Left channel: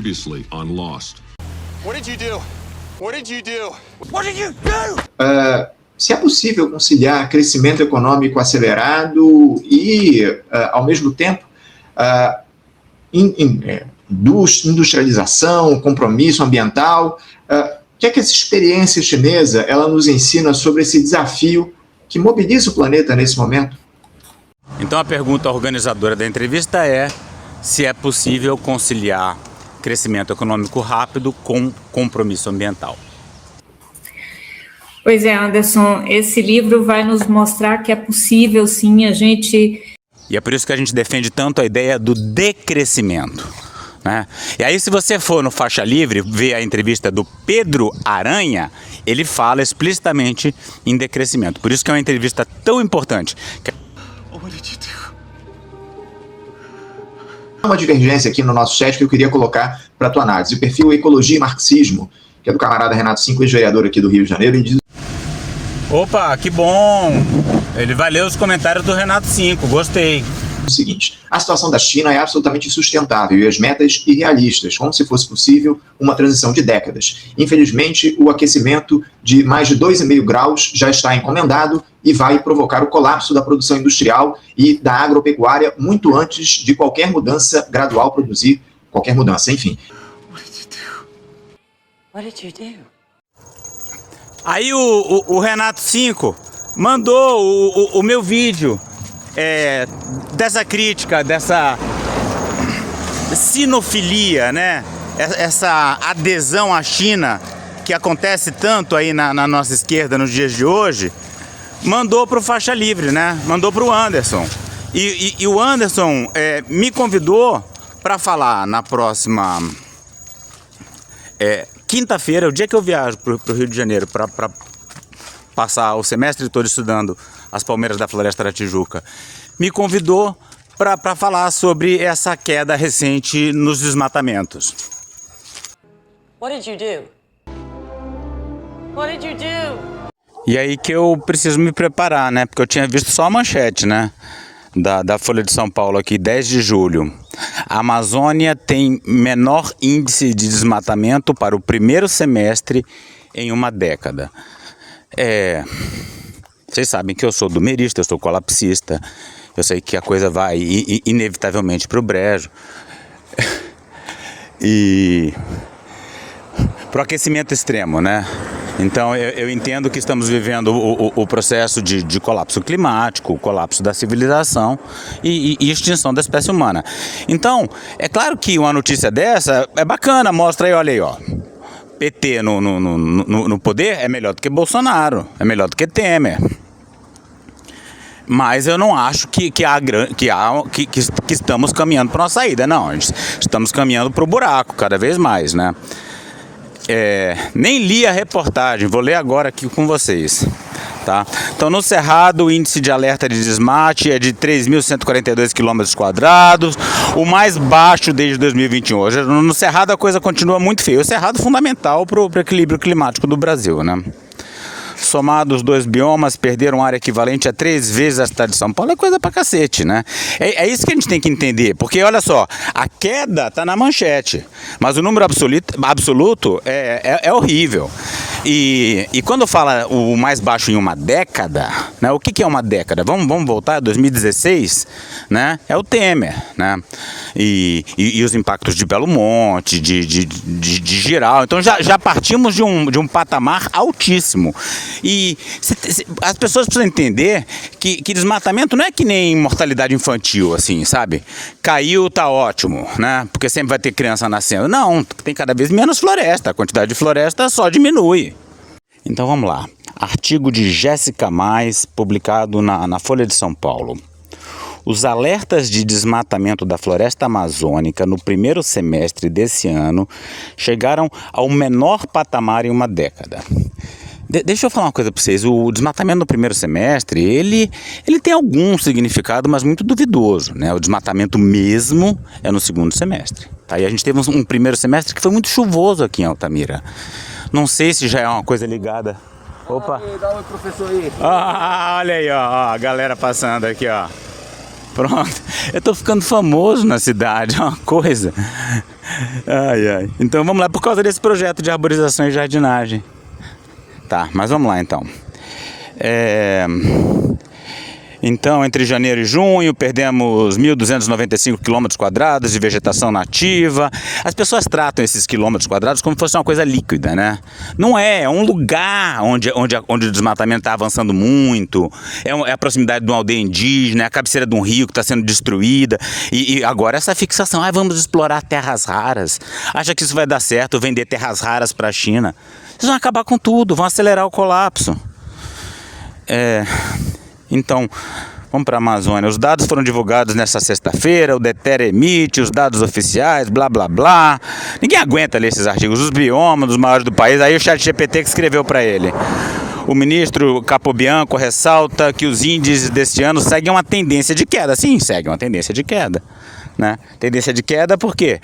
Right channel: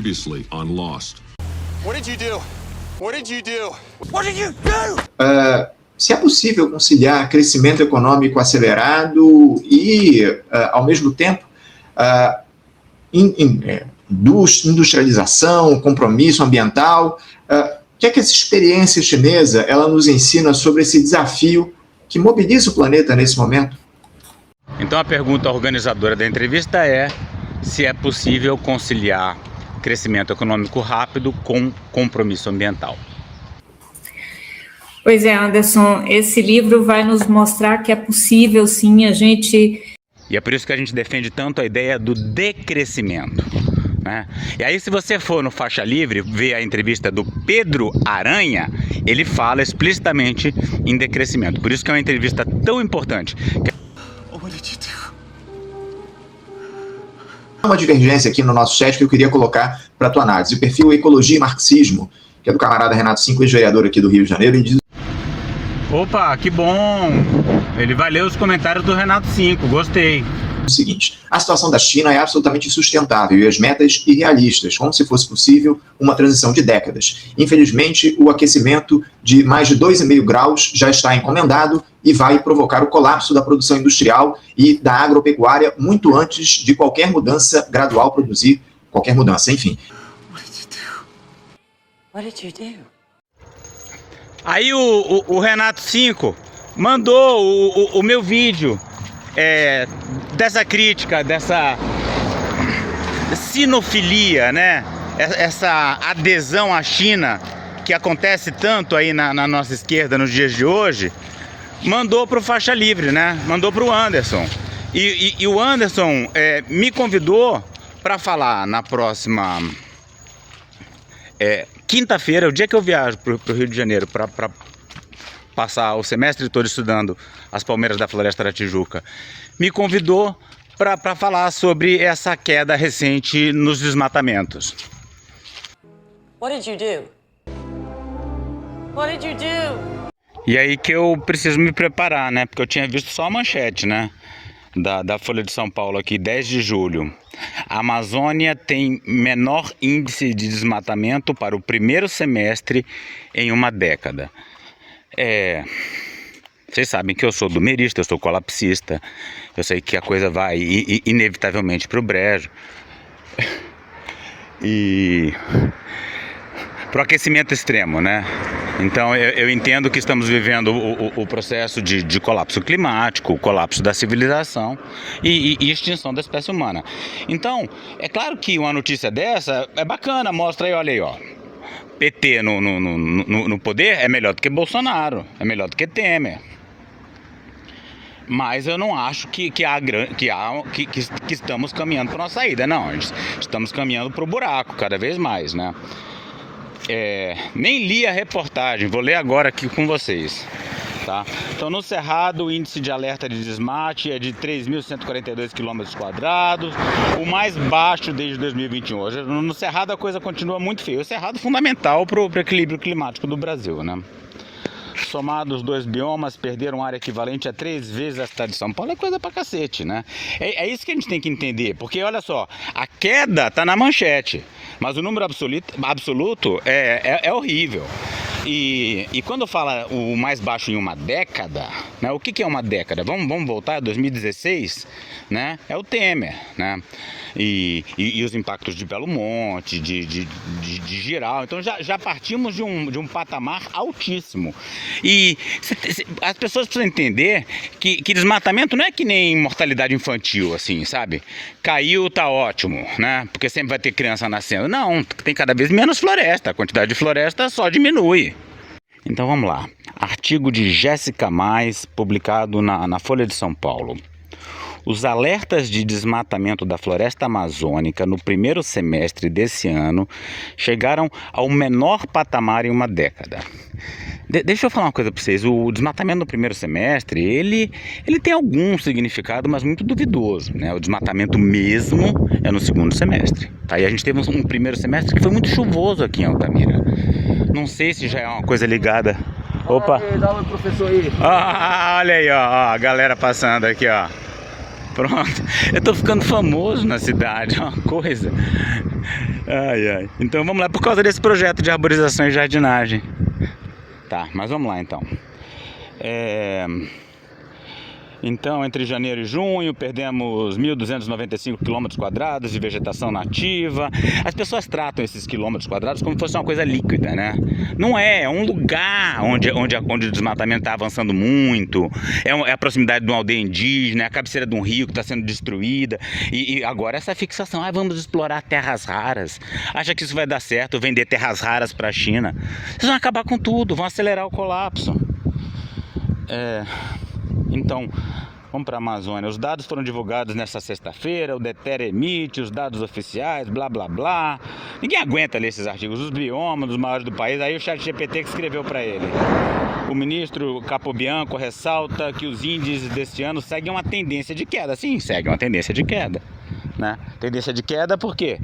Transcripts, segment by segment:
Previously on Lost. What did you do? What did you do? What did you do? Se é possível conciliar crescimento econômico acelerado e, ao mesmo tempo, industrialização, compromisso ambiental, o que é que essa experiência chinesa ela nos ensina sobre esse desafio que mobiliza o planeta nesse momento? Então a pergunta organizadora da entrevista é se é possível conciliar crescimento econômico rápido com compromisso ambiental. Pois é, Anderson, esse livro vai nos mostrar que é possível sim a gente... E é por isso que a gente defende tanto a ideia do decrescimento, né? E aí se você for no Faixa Livre, ver a entrevista do Pedro Aranha, ele fala explicitamente em decrescimento. Por isso que é uma entrevista tão importante. Uma divergência aqui no nosso chat que eu queria colocar para a tua análise. O perfil Ecologia e Marxismo, que é do camarada Renato Cinco, ex-vereador aqui do Rio de Janeiro, ele diz... Opa, que bom! Ele vai ler os comentários do Renato Cinco, gostei. O seguinte: a situação da China é absolutamente insustentável e as metas irrealistas, como se fosse possível uma transição de décadas. Infelizmente, o aquecimento de mais de 2,5 graus já está encomendado e vai provocar o colapso da produção industrial e da agropecuária muito antes de qualquer mudança gradual produzir qualquer mudança, enfim. What did you do? Aí o Renato Cinco mandou o meu vídeo dessa crítica, dessa sinofilia, né? Essa adesão à China que acontece tanto aí na nossa esquerda nos dias de hoje, mandou para o Faixa Livre, né? Mandou para o Anderson. E o Anderson me convidou para falar na próxima quinta-feira, o dia que eu viajo para o Rio de Janeiro para passar o semestre todo estudando as palmeiras da Floresta da Tijuca, me convidou para falar sobre essa queda recente nos desmatamentos. What did you do? What did you do? E aí que eu preciso me preparar, né? Porque eu tinha visto só a manchete, né? Da Folha de São Paulo aqui, 10 de julho. A Amazônia tem menor índice de desmatamento para o primeiro semestre em uma década. Vocês sabem que eu sou dumerista, eu sou colapsista. Eu sei que a coisa vai inevitavelmente para o brejo. E para o aquecimento extremo, né? Então eu entendo que estamos vivendo o processo de colapso climático, colapso da civilização e extinção da espécie humana. Então, é claro que uma notícia dessa é bacana, mostra aí, olha aí, ó. PT no poder é melhor do que Bolsonaro, é melhor do que Temer. Mas eu não acho que estamos caminhando para uma saída, não. Estamos caminhando para o buraco cada vez mais, né? Nem li a reportagem, vou ler agora aqui com vocês. Tá? Então, no Cerrado, o índice de alerta de desmate é de 3.142 km², o mais baixo desde 2021. Hoje, no Cerrado, a coisa continua muito feia. O Cerrado é fundamental para o equilíbrio climático do Brasil, né? Somados os dois biomas, perderam área equivalente a 3 vezes a cidade de São Paulo. É coisa pra cacete, né? É isso que a gente tem que entender. Porque, olha só, a queda tá na manchete, mas o número absoluto é horrível. E quando fala o mais baixo em uma década, né? O que é uma década? Vamos voltar a 2016, né? É o Temer, né? E os impactos de Belo Monte, de Giral. Então já partimos de um patamar altíssimo. E as pessoas precisam entender que desmatamento não é que nem mortalidade infantil, assim, sabe? Caiu, tá ótimo, né? Porque sempre vai ter criança nascendo. Não, tem cada vez menos floresta. A quantidade de floresta só diminui. Então vamos lá. Artigo de Jéssica Mais, publicado na Folha de São Paulo. Os alertas de desmatamento da floresta amazônica no primeiro semestre desse ano chegaram ao menor patamar em uma década. Deixa eu falar uma coisa para vocês. O desmatamento no primeiro semestre, ele tem algum significado, mas muito duvidoso, né? O desmatamento mesmo é no segundo semestre. Tá? E a gente teve um primeiro semestre que foi muito chuvoso aqui em Altamira. Não sei se já é uma coisa ligada. Opa! Dá um oi, professor aí. Olha aí, ó, a galera passando aqui, ó. Pronto. Eu tô ficando famoso na cidade, é uma coisa. Ai, ai. Então vamos lá, por causa desse projeto de arborização e jardinagem. Tá, mas vamos lá então. Então, entre janeiro e junho, perdemos 1.295 km² de vegetação nativa. As pessoas tratam esses quilômetros quadrados como se fosse uma coisa líquida, né? Não é, é um lugar onde o desmatamento está avançando muito, é a proximidade de uma aldeia indígena, é a cabeceira de um rio que está sendo destruída. E agora essa fixação, vamos explorar terras raras. Acha que isso vai dar certo, vender terras raras para a China? Eles vão acabar com tudo, vão acelerar o colapso. Então, vamos para a Amazônia. Os dados foram divulgados nesta sexta-feira, o DETER emite os dados oficiais, blá blá blá. Ninguém aguenta ler esses artigos. Os biomas dos maiores do país, aí o ChatGPT que escreveu para ele. O ministro Capobianco ressalta que os índices deste ano seguem uma tendência de queda. Sim, seguem uma tendência de queda. Né? Tendência de queda por quê?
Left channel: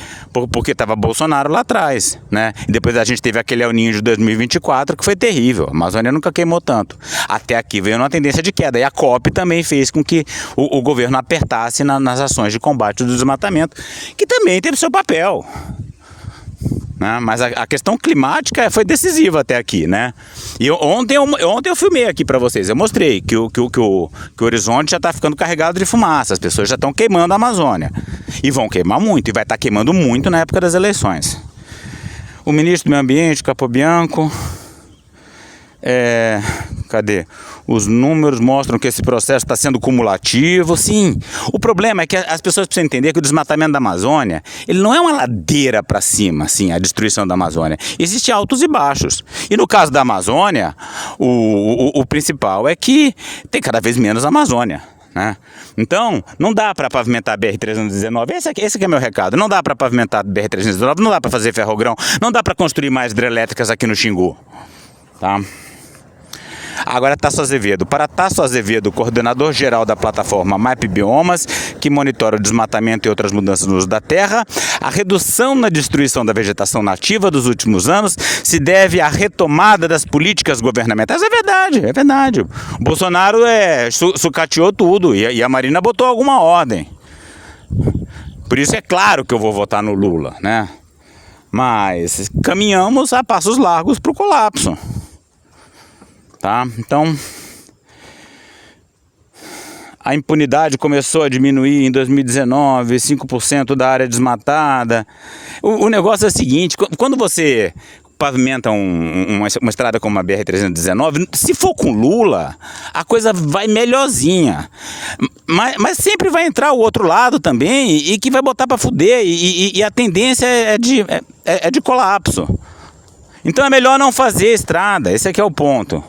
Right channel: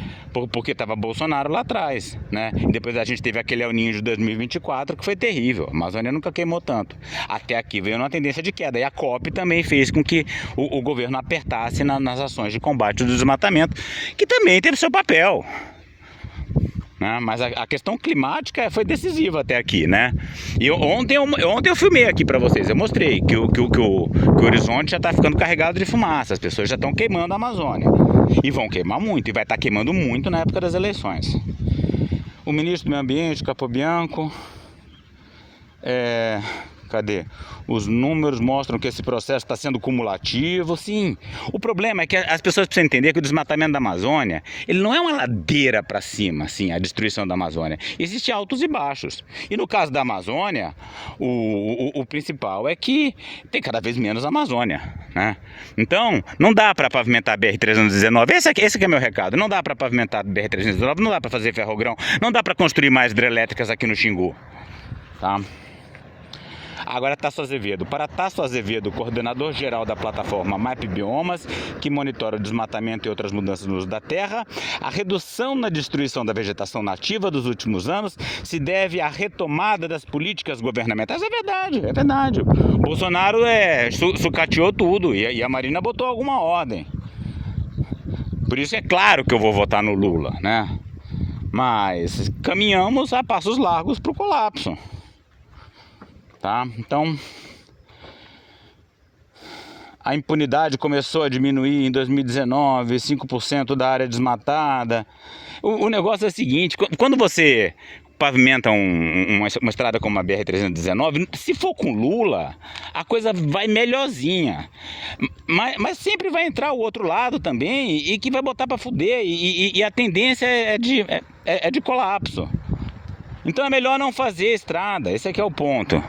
Porque estava Bolsonaro lá atrás, né? E depois a gente teve aquele El Niño de 2024 que foi terrível. A Amazônia nunca queimou tanto. Até aqui veio uma tendência de queda. E a COP também fez com que o governo apertasse nas ações de combate ao desmatamento, que também teve seu papel. Né? Mas a questão climática foi decisiva até aqui, né? E ontem eu filmei aqui para vocês, eu mostrei que o horizonte já está ficando carregado de fumaça, as pessoas já estão queimando a Amazônia. E vão queimar muito, e vai estar queimando muito na época das eleições. O ministro do Meio Ambiente, Capobianco, cadê? Os números mostram que esse processo está sendo cumulativo, sim. O problema é que as pessoas precisam entender que o desmatamento da Amazônia, ele não é uma ladeira para cima, assim, a destruição da Amazônia. Existem altos e baixos. E no caso da Amazônia, o principal é que tem cada vez menos Amazônia, né? Então, não dá para pavimentar a BR-319. Esse aqui é meu recado. Não dá para pavimentar a BR-319, não dá para fazer ferrogrão, não dá para construir mais hidrelétricas aqui no Xingu, tá? Agora, Tasso Azevedo. Para Tasso Azevedo, coordenador-geral da plataforma MAP Biomas, que monitora o desmatamento e outras mudanças no uso da terra, a redução na destruição da vegetação nativa dos últimos anos se deve à retomada das políticas governamentais. É verdade. O Bolsonaro sucateou tudo e a Marina botou alguma ordem. Por isso é claro que eu vou votar no Lula, né? Mas caminhamos a passos largos para o colapso. Tá? Então, a impunidade começou a diminuir em 2019, 5% da área desmatada. O negócio é o seguinte, quando você pavimenta uma estrada como a BR-319, se for com Lula, a coisa vai melhorzinha. Mas sempre vai entrar o outro lado também e que vai botar para fuder. E a tendência é de colapso. Então é melhor não fazer estrada, esse aqui é o ponto.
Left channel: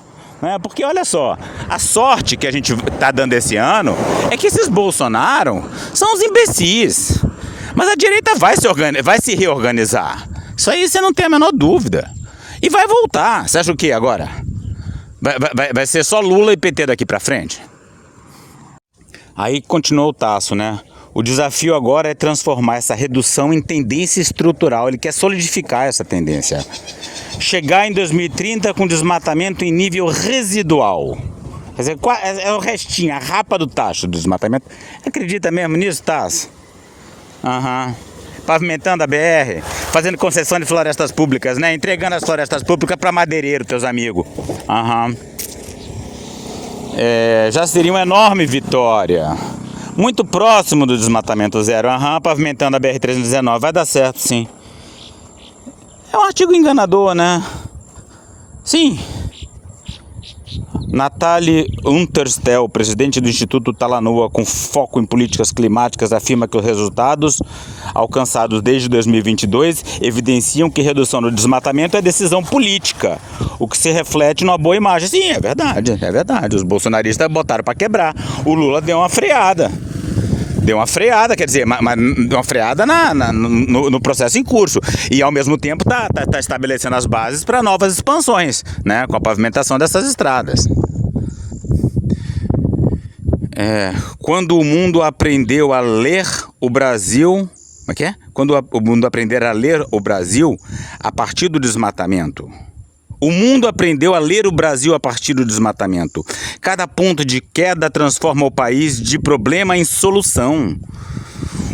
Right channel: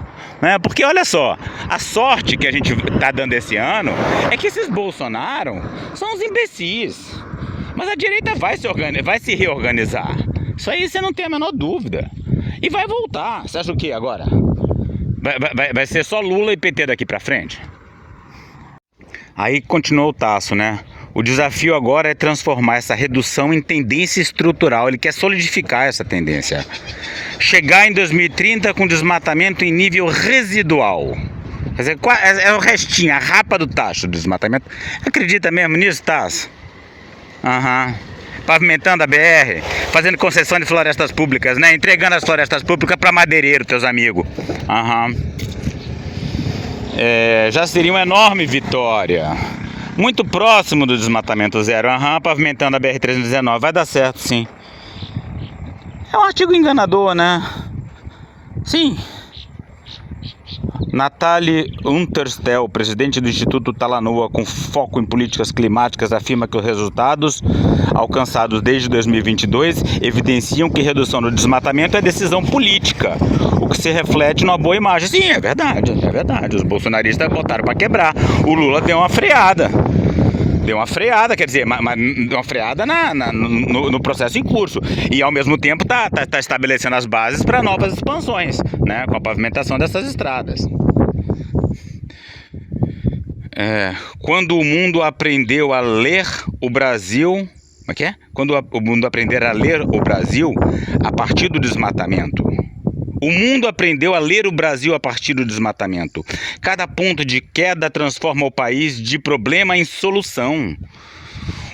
Porque olha só, a sorte que a gente está dando esse ano é que esses Bolsonaro são os imbecis. Mas a direita vai se reorganizar. Isso aí você não tem a menor dúvida. E vai voltar. Você acha o quê agora? Vai ser só Lula e PT daqui pra frente? Aí continuou o Tasso, né? O desafio agora é transformar essa redução em tendência estrutural. Ele quer solidificar essa tendência. Chegar em 2030 com desmatamento em nível residual. Quer dizer, é o restinho, a rapa do tacho do desmatamento. Acredita mesmo nisso, Tasso? Pavimentando a BR, fazendo concessão de florestas públicas, né? Entregando as florestas públicas para madeireiro, teus amigos. Já seria uma enorme vitória. Muito próximo do desmatamento zero. Pavimentando a BR-319. Vai dar certo, sim. É um artigo enganador, né? Sim. Nathalie Unterstel, presidente do Instituto Talanoa com foco em políticas climáticas, afirma que os resultados alcançados desde 2022 evidenciam que redução do desmatamento é decisão política, o que se reflete numa boa imagem. Sim, é verdade. Os bolsonaristas botaram para quebrar. O Lula deu uma freada. Quer dizer, mas uma freada no processo em curso. E ao mesmo tempo tá estabelecendo as bases para novas expansões, né? Com a pavimentação dessas estradas. Quando o mundo aprendeu a ler o Brasil... Como é que é? Quando o mundo aprender a ler o Brasil a partir do desmatamento. O mundo aprendeu a ler o Brasil a partir do desmatamento. Cada ponto de queda transforma o país de problema em solução.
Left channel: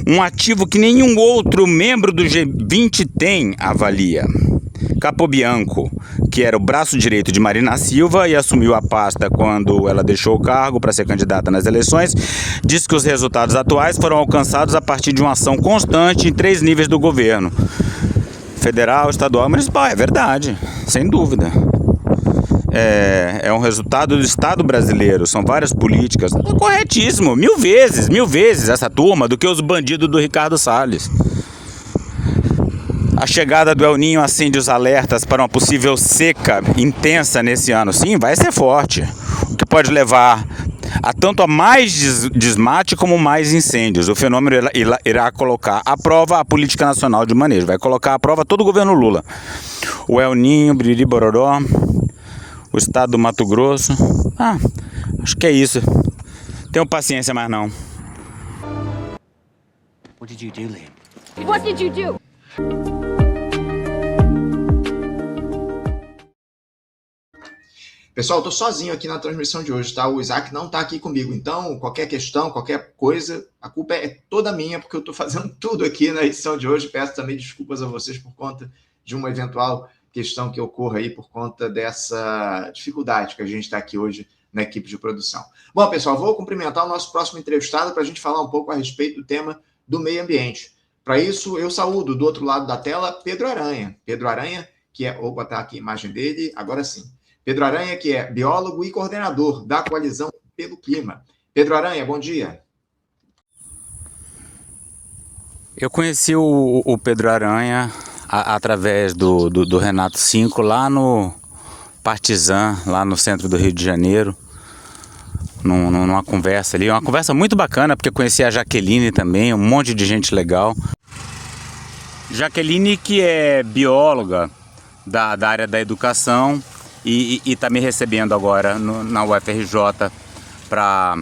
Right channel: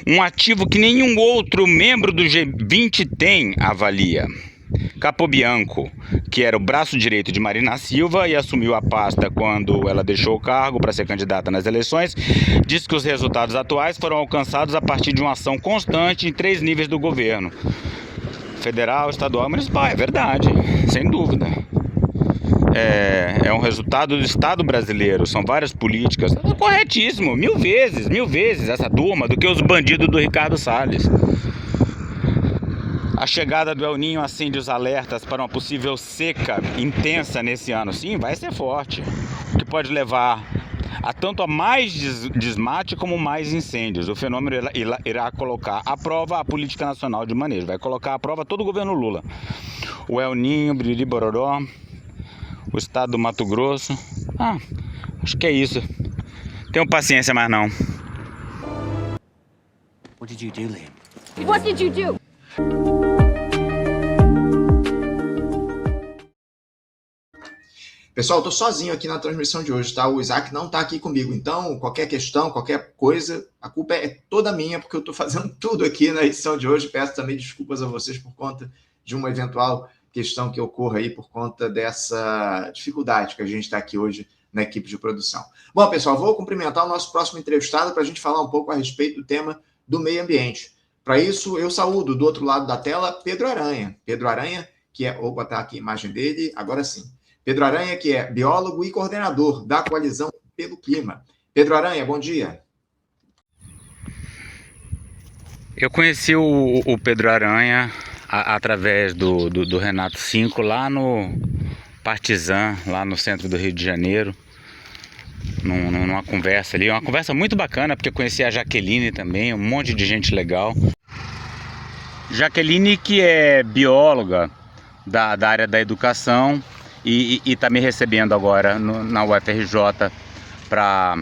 Um ativo que nenhum outro membro do G20 tem, avalia. Capobianco, que era o braço direito de Marina Silva e assumiu a pasta quando ela deixou o cargo para ser candidata nas eleições, diz que os resultados atuais foram alcançados a partir de uma ação constante em 3 níveis do governo: federal, estadual e municipal. É verdade, sem dúvida. É um resultado do Estado brasileiro, são várias políticas. É corretíssimo, mil vezes essa turma do que os bandidos do Ricardo Salles. A chegada do El Niño acende os alertas para uma possível seca intensa nesse ano. Sim, vai ser forte, o que pode levar a tanto a mais desmate como mais incêndios. O fenômeno irá colocar à prova a política nacional de manejo, vai colocar à prova todo o governo Lula. O El Niño, Biriri Bororó, o estado do Mato Grosso. Acho que é isso. Tenham paciência, mas não. What did you do, Liam? What did you do? Pessoal, eu tô sozinho aqui na transmissão de hoje, tá? O Isaac não tá aqui comigo, então qualquer questão, qualquer coisa, a culpa é toda minha, porque eu tô fazendo tudo aqui na edição de hoje. Peço também desculpas a vocês por conta de uma eventual questão que ocorra aí por conta dessa dificuldade que a gente está aqui hoje na equipe de produção. Bom, pessoal, vou cumprimentar o nosso próximo entrevistado para a gente falar um pouco a respeito do tema do meio ambiente. Para isso, eu saúdo do outro lado da tela Pedro Aranha. Pedro Aranha, que é... Opa, tá aqui a imagem dele, agora sim. Pedro Aranha, que é biólogo e coordenador da Coalizão pelo Clima. Pedro Aranha, bom dia. Eu conheci o Pedro Aranha através do Renato Cinco, lá no Partizan, lá no centro do Rio de Janeiro, numa conversa ali, uma conversa muito bacana, porque eu conheci a Jaqueline também, um monte de gente legal. Jaqueline, que é bióloga da área da educação e está me recebendo agora na UFRJ para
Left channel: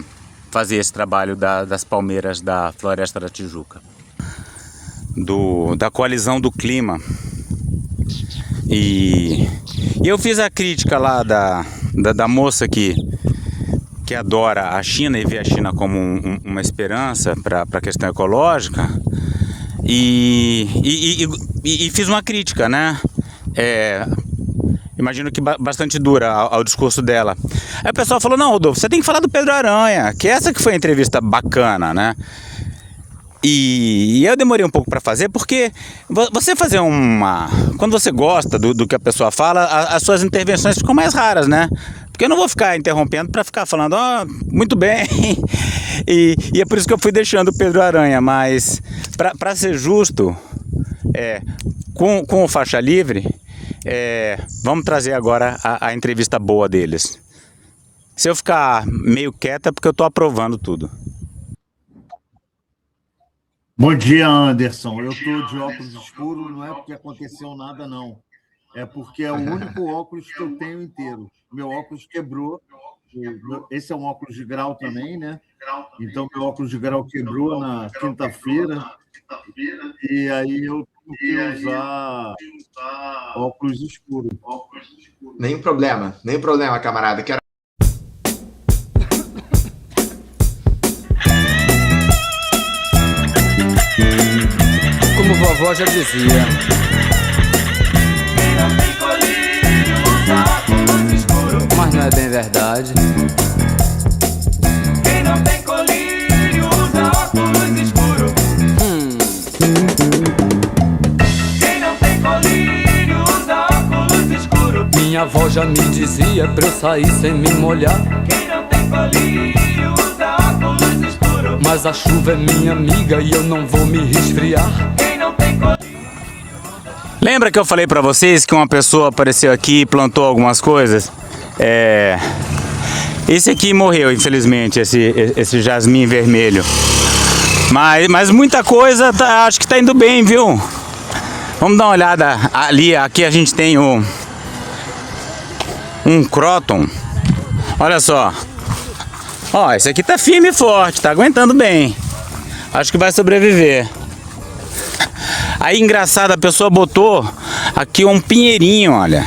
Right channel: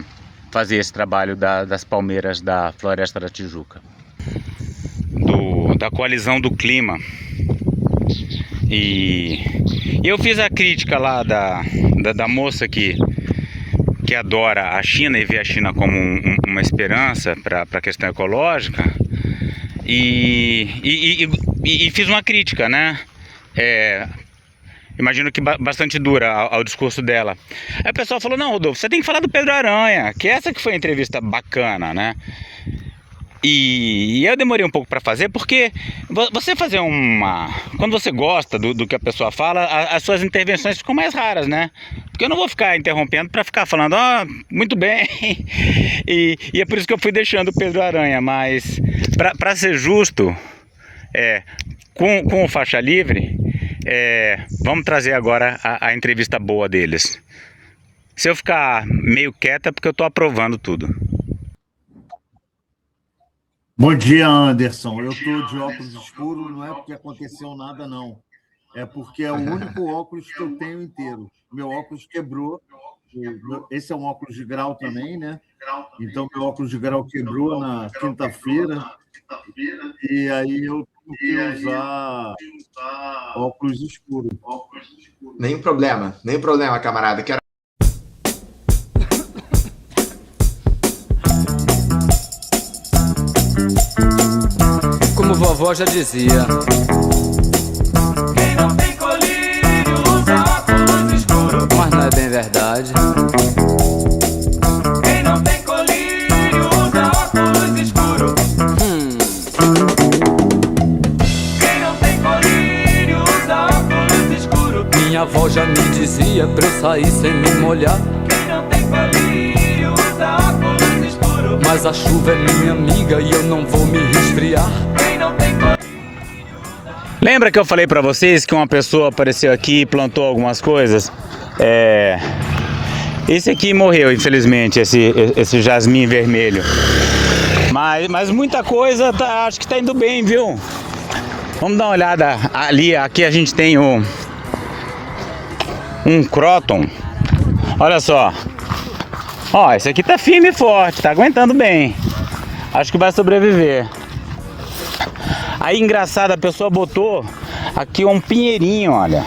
fazer esse trabalho das palmeiras da Floresta da Tijuca. Da Coalizão do Clima. E eu fiz a crítica lá da moça que adora a China e vê a China como uma esperança para a questão ecológica, e fiz uma crítica, né? Imagino que bastante dura ao discurso dela. Aí o pessoal falou: não, Rodolfo, você tem que falar do Pedro Aranha, que essa que foi a entrevista bacana, né? E eu demorei um pouco para fazer, porque você fazer quando você gosta do que a pessoa fala, as suas intervenções ficam mais raras, né? Porque eu não vou ficar interrompendo para ficar falando, muito bem. E é por isso que eu fui deixando o Pedro Aranha, mas para ser justo, com o Faixa Livre, vamos trazer agora a entrevista boa deles. Se eu ficar meio quieta é porque eu estou aprovando tudo. Bom dia, Anderson. Eu estou de óculos escuros, não é porque aconteceu nada, não. É porque é o único óculos que eu tenho inteiro. Meu óculos quebrou. Esse é um óculos de grau também, né? Então, meu óculos de grau quebrou na quinta-feira. E aí eu tenho que usar óculos escuros. Nenhum problema, camarada. Quero... Como vovó já dizia, quem não tem colírio usa óculos escuros. mas não é bem verdade. Quem não tem colírio usa óculos escuros. Quem não tem colírio usa óculos escuros. Minha avó já me dizia pra eu sair sem me molhar. Quem não tem colírio usa óculos escuros. Mas a chuva é minha amiga e eu não vou me resfriar. Quem não tem colírio. Lembra que eu falei pra vocês que uma pessoa apareceu aqui e plantou algumas coisas? Esse aqui morreu, infelizmente, esse jasmim vermelho. Mas muita coisa acho que tá indo bem, viu? Vamos dar uma olhada ali. Aqui a gente tem um cróton. Olha só. Ó, esse aqui tá firme e forte, tá aguentando bem. Acho que vai sobreviver. Aí, engraçado, a pessoa botou aqui um pinheirinho, olha.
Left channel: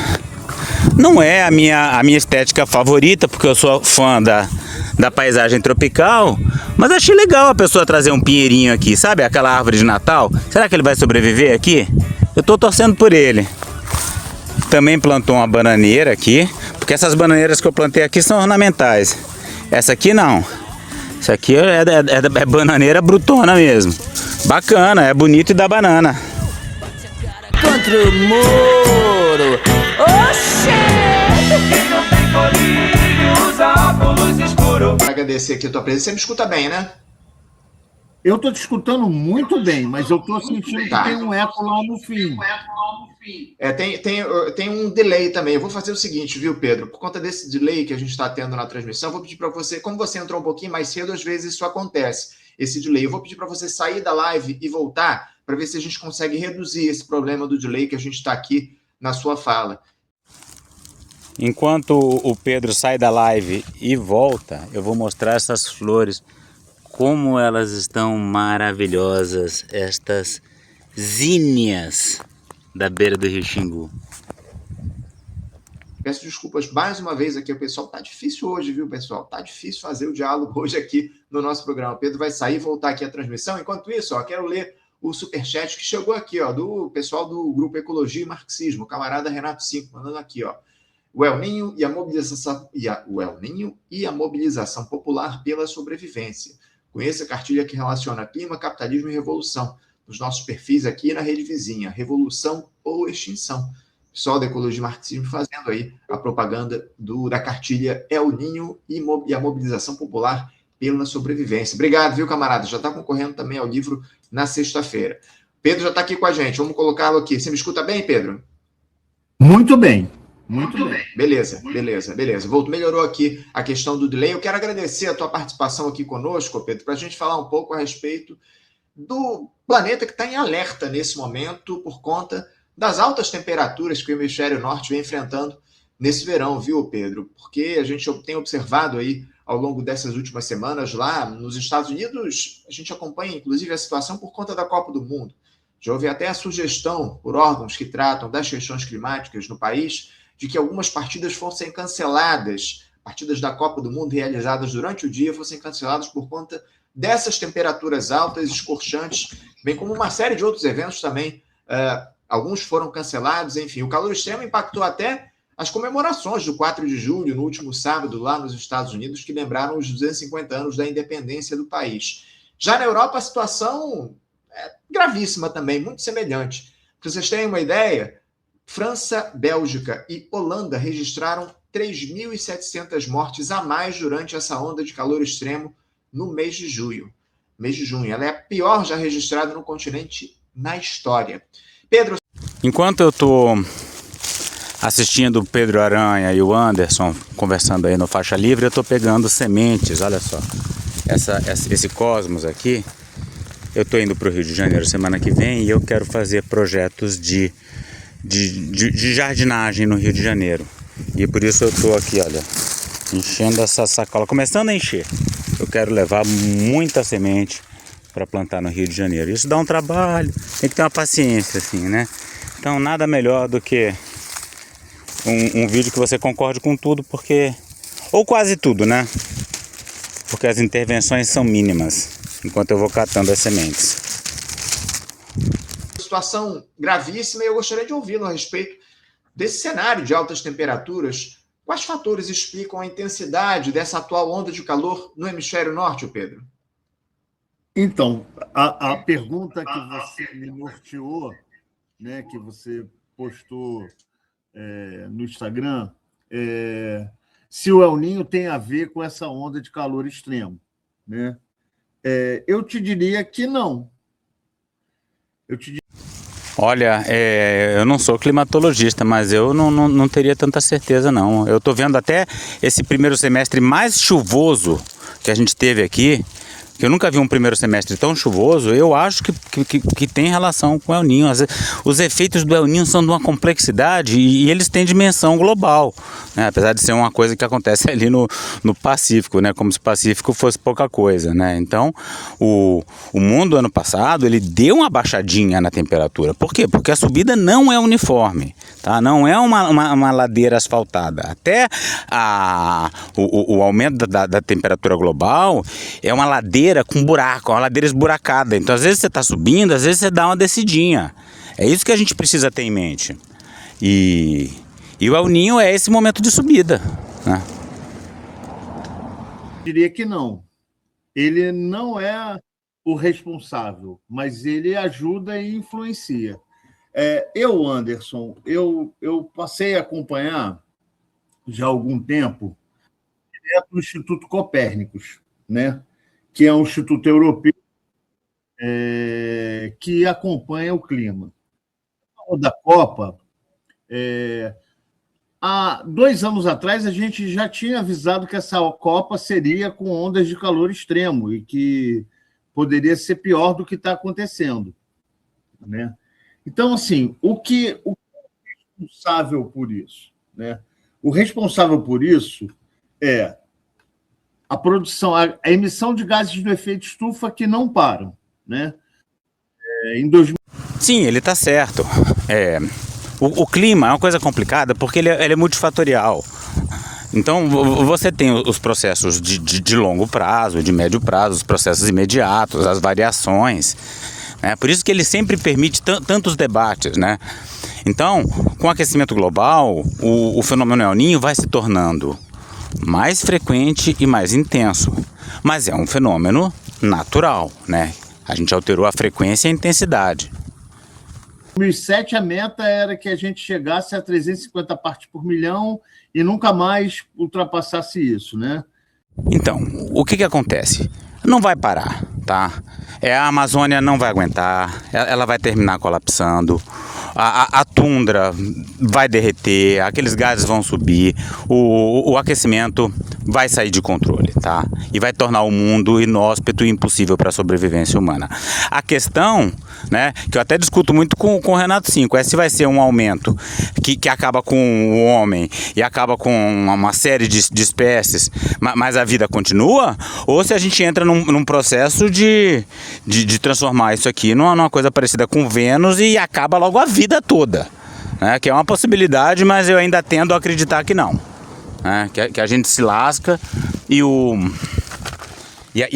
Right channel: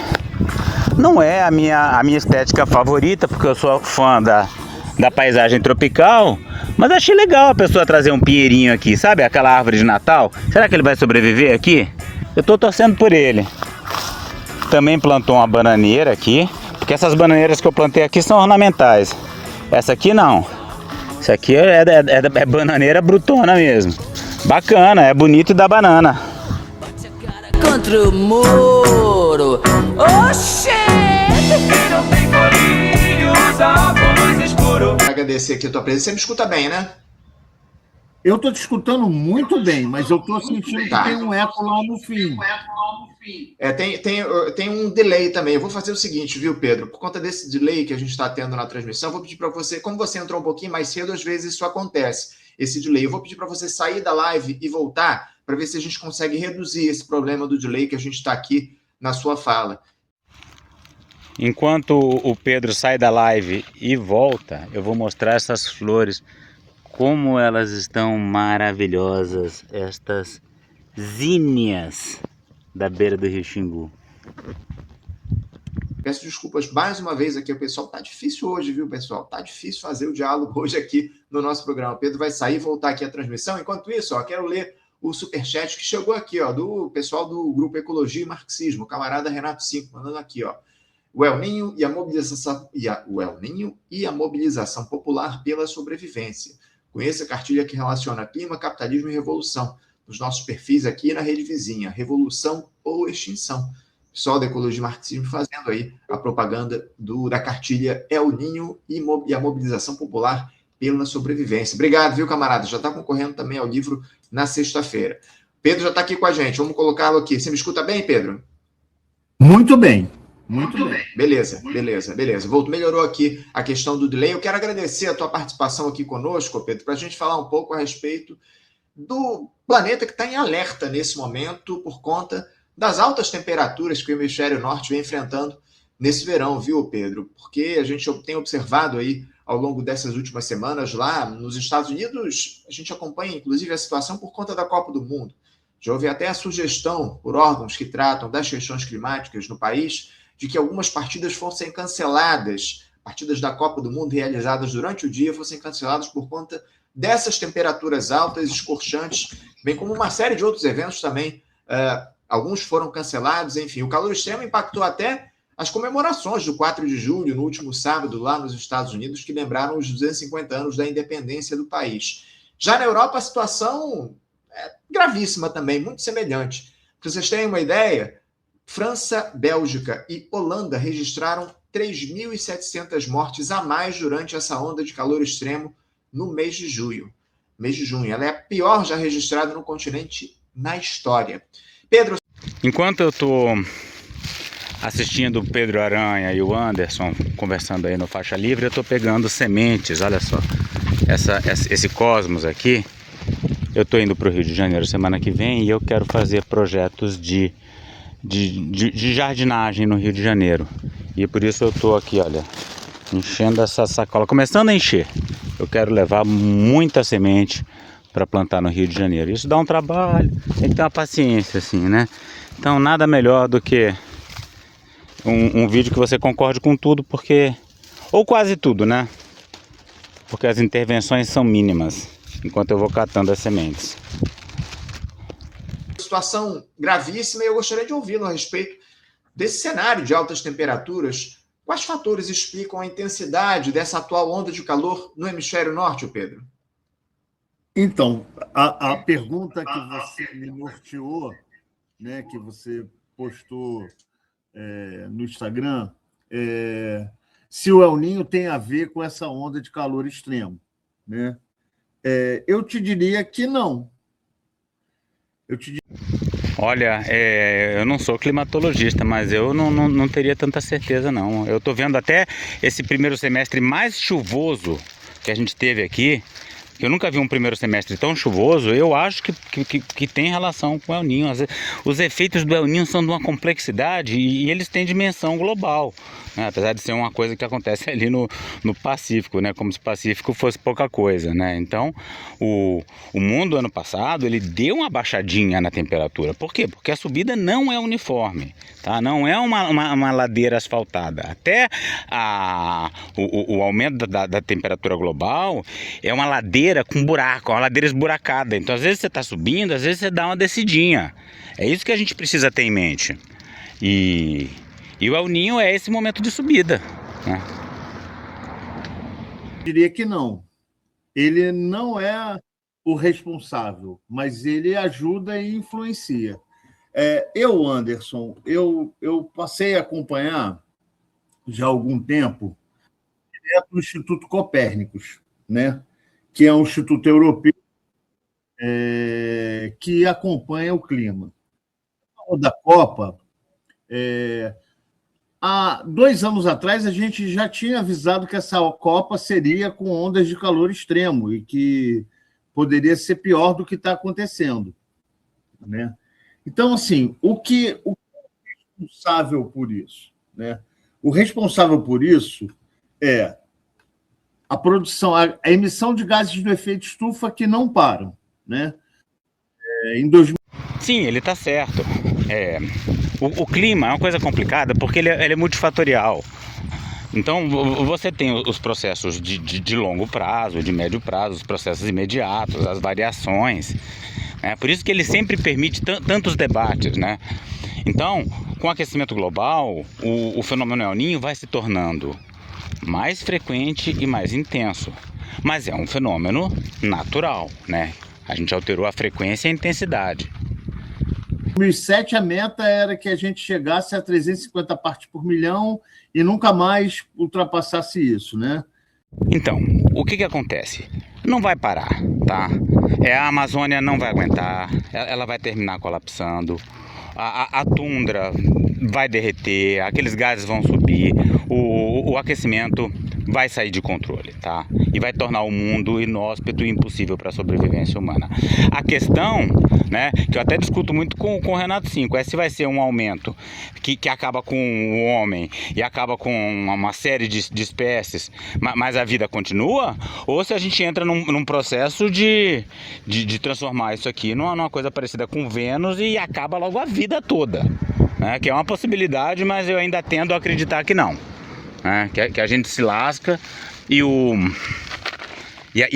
Não é a minha estética favorita, porque eu sou fã da paisagem tropical, Mas achei legal a pessoa trazer um pinheirinho aqui, sabe? Aquela árvore de Natal. Será que ele vai sobreviver aqui? Eu tô torcendo por ele. Também plantou uma bananeira aqui, porque essas bananeiras que eu plantei aqui são ornamentais. Essa aqui não. Essa aqui é bananeira brutona mesmo. Bacana, é bonito e dá banana. Contra o muro. Quem não tem colírio usa óculos escuro. Quero agradecer aqui a tua presença. Você me escuta bem, né? Eu estou te escutando muito bem, mas eu estou sentindo que Tá. tem um eco lá no fim. Tem um delay também. Eu vou fazer o seguinte, viu, Pedro? Por conta desse delay que a gente está tendo na transmissão, eu vou pedir para você, como você entrou um pouquinho mais cedo, às vezes isso acontece, esse delay. Eu vou pedir para você sair da live e voltar para ver se a gente consegue reduzir esse problema do delay que a gente está aqui na sua fala. Enquanto o Pedro sai da live e volta, eu vou mostrar essas flores, como elas estão maravilhosas, estas zinnias da beira do Rio Xingu. Peço desculpas mais uma vez aqui, o pessoal tá difícil hoje, viu, pessoal? Tá difícil fazer o diálogo hoje aqui no nosso programa. O Pedro vai sair e voltar aqui à transmissão. Enquanto isso, ó, quero ler o superchat que chegou aqui, ó, do pessoal do Grupo Ecologia e Marxismo, o camarada Renato 5, mandando aqui, ó. O El Niño e a mobilização popular pela sobrevivência. Conheça a cartilha que relaciona clima, capitalismo e revolução. Nos nossos perfis aqui na rede vizinha, revolução ou extinção. Pessoal da Ecologia e Marxismo fazendo aí a propaganda da cartilha El Niño e a mobilização popular pela sobrevivência. Obrigado, viu, camarada? Já está concorrendo também ao livro na sexta-feira. Pedro já está aqui com a gente, vamos colocá-lo aqui. Você me escuta bem, Pedro? Muito bem. Muito bem. Beleza. Melhorou aqui a questão do delay. Eu quero agradecer a tua participação aqui conosco, Pedro, para a gente falar um pouco a respeito do planeta que está em alerta nesse momento por conta das altas temperaturas que o hemisfério norte vem enfrentando nesse verão, viu, Pedro? Porque a gente tem observado aí ao longo dessas últimas semanas lá nos Estados Unidos, a gente acompanha inclusive a situação por conta da Copa do Mundo. Já houve até a sugestão por órgãos que tratam das questões climáticas no país de que algumas partidas fossem canceladas, partidas da Copa do Mundo realizadas durante o dia fossem canceladas por conta dessas temperaturas altas, escorchantes, bem como uma série de outros eventos também. Alguns foram cancelados, enfim. O calor extremo impactou até as comemorações do 4 de julho, no último sábado, lá nos Estados Unidos, que lembraram os 250 anos da independência do país. Já na Europa, a situação é gravíssima também, muito semelhante. Para vocês terem uma ideia, França, Bélgica e Holanda registraram 3.700 mortes a mais durante essa onda de calor extremo no mês de junho. Ela é a pior já registrada no continente na história. Pedro. Enquanto eu estou assistindo o Pedro Aranha e o Anderson conversando aí no Faixa Livre, eu estou pegando sementes, olha só, esse cosmos aqui. Eu estou indo para o Rio de Janeiro semana que vem e eu quero fazer projetos de jardinagem no Rio de Janeiro. E por isso eu estou aqui, olha, enchendo essa sacola, começando a encher. Eu quero levar muita semente para plantar no Rio de Janeiro. Isso dá um trabalho, tem que ter uma paciência assim, né? Então nada melhor do que um vídeo que você concorde com tudo, porque, ou quase tudo, né? Porque as intervenções são mínimas, enquanto eu vou catando as sementes. Situação gravíssima e eu gostaria de ouvi-lo a respeito desse cenário de altas temperaturas. Quais fatores explicam a intensidade dessa atual onda de calor no hemisfério norte, Pedro? Então, a pergunta que você me norteou, né, que você postou no Instagram, se o El Niño tem a ver com essa onda de calor extremo, né? Eu te diria que não. Olha, eu não sou climatologista, mas eu não teria tanta certeza, não. Eu estou vendo até esse primeiro semestre mais chuvoso que a gente teve aqui, que eu nunca vi um primeiro semestre tão chuvoso. Eu acho que tem relação com o El Niño. Os efeitos do El Niño são de uma complexidade e eles têm dimensão global, né? Apesar de ser uma coisa que acontece ali no Pacífico, né? Como se o Pacífico fosse pouca coisa, né? Então, o mundo ano passado ele deu uma baixadinha na temperatura. Por quê? Porque a subida não é uniforme, tá? Não é uma ladeira asfaltada. Até o aumento da temperatura global é uma ladeira ladeira com buraco, uma ladeira esburacada. Então, às vezes você está subindo, às vezes você dá uma descidinha. É isso que a gente precisa ter em mente. E o El Niño é esse momento de subida, né? Diria que não. Ele não é o responsável, mas ele ajuda e influencia. Anderson, eu passei a acompanhar já há algum tempo o Instituto Copérnicos, né? Que é um instituto europeu que acompanha o clima. Da Copa, há 2 anos atrás, a gente já tinha avisado que essa Copa seria com ondas de calor extremo e que poderia ser pior do que está acontecendo, né? Então, assim, o que é responsável por isso, né? O responsável por isso é a produção, a emissão de gases do efeito estufa que não param, né? Sim, ele está certo. O clima é uma coisa complicada porque ele é multifatorial. Então, você tem os processos de longo prazo, de médio prazo, os processos imediatos, as variações. Por isso que ele sempre permite tantos debates, né? Então, com o aquecimento global, o fenômeno El Niño vai se tornando mais frequente e mais intenso. Mas é um fenômeno natural, né? A gente alterou a frequência e a intensidade. Em 2007, a meta era que a gente chegasse a 350 partes por milhão e nunca mais ultrapassasse isso, né? Então, o que acontece? Não vai parar, tá? A Amazônia não vai aguentar, ela vai terminar colapsando, a tundra vai derreter, aqueles gases vão subir, o aquecimento vai sair de controle, tá? E vai tornar o mundo inóspito e impossível para a sobrevivência humana. A questão, né, que eu até discuto muito com o Renato Cinco, é se vai ser um aumento que acaba com o homem e acaba com uma série de espécies, mas a vida continua, ou se a gente entra num processo de transformar isso aqui numa coisa parecida com Vênus e acaba logo a vida toda, né? Que é uma possibilidade, mas eu ainda tendo a acreditar que não. Que a gente se lasca e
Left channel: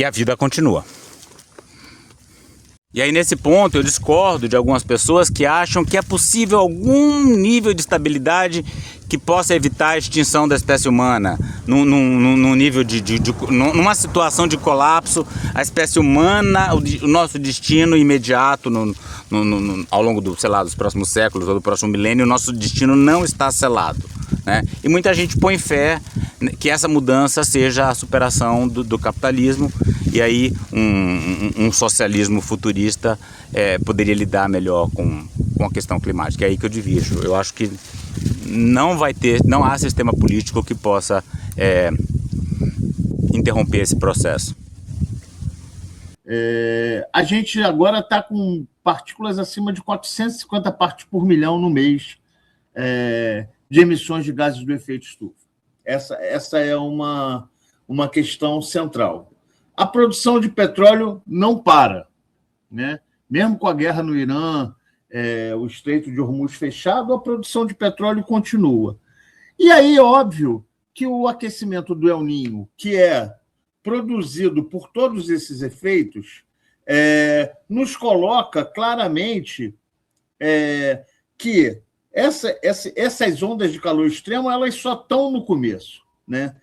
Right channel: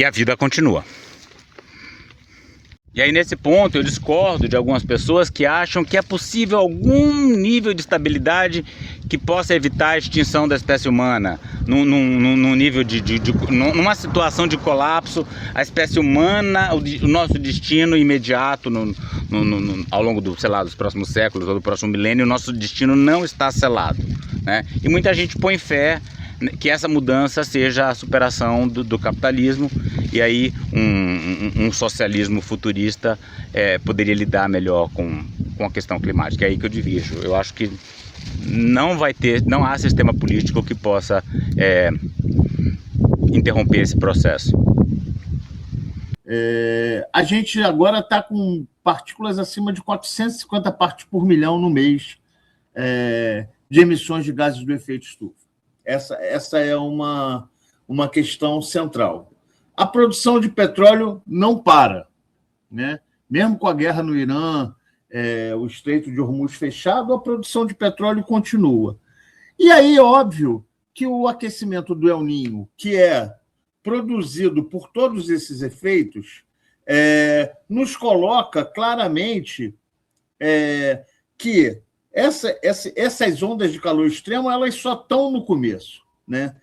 a vida continua. E aí, nesse ponto, eu discordo de algumas pessoas que acham que é possível algum nível de estabilidade que possa evitar a extinção da espécie humana. Num nível numa situação de colapso, a espécie humana, o nosso destino imediato ao longo dos próximos séculos ou do próximo milênio, o nosso destino não está selado, né? E muita gente põe fé que essa mudança seja a superação do capitalismo, e aí um socialismo futurista poderia lidar melhor com a questão climática. É aí que eu divido. Eu acho que não há sistema político que possa interromper esse processo. A gente agora está com partículas acima de 450 partes por milhão no mês de emissões de gases do efeito estufa. Essa é uma questão central. A produção de petróleo não para, né? Mesmo com a guerra no Irã, o Estreito de Hormuz fechado, a produção de petróleo continua. E aí, óbvio, que o aquecimento do El Niño, que é produzido por todos esses efeitos, nos coloca claramente que essas ondas de calor extremo elas só estão no começo, né?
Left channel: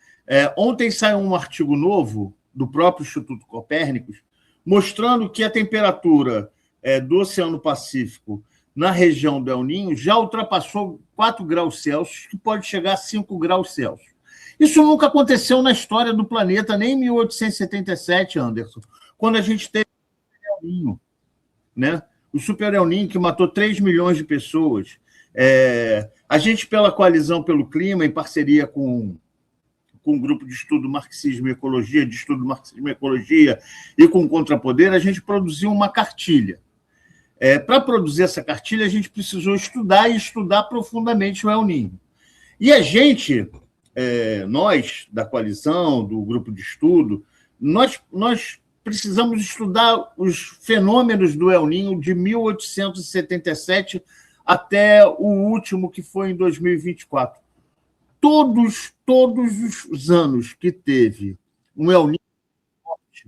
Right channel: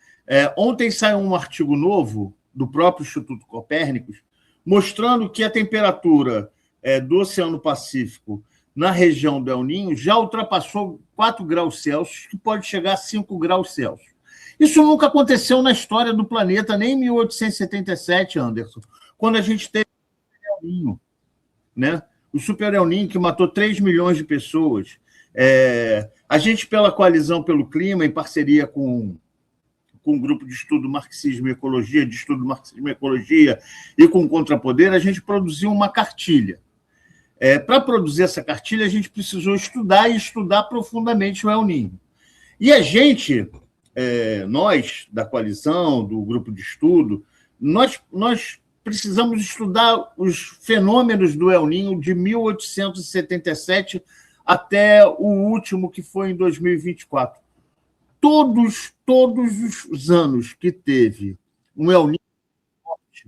Ontem saiu um artigo novo do próprio Instituto Copérnicos mostrando que a temperatura do Oceano Pacífico na região do El Niño já ultrapassou 4 graus Celsius, que pode chegar a 5 graus Celsius. Isso nunca aconteceu na história do planeta, nem em 1877, Anderson, quando a gente teve o Super El Niño, né? O Super El Niño, que matou 3 milhões de pessoas. A gente, pela Coalizão pelo Clima, em parceria com um grupo de estudo Marxismo e Ecologia, e com o Contrapoder, a gente produziu uma cartilha. Para produzir essa cartilha, a gente precisou estudar profundamente o El Niño. E a gente, nós, da Coalizão, do grupo de estudo, nós precisamos estudar os fenômenos do El Niño de 1877 até o último, que foi em 2024. Todos os anos que teve um El Niño forte,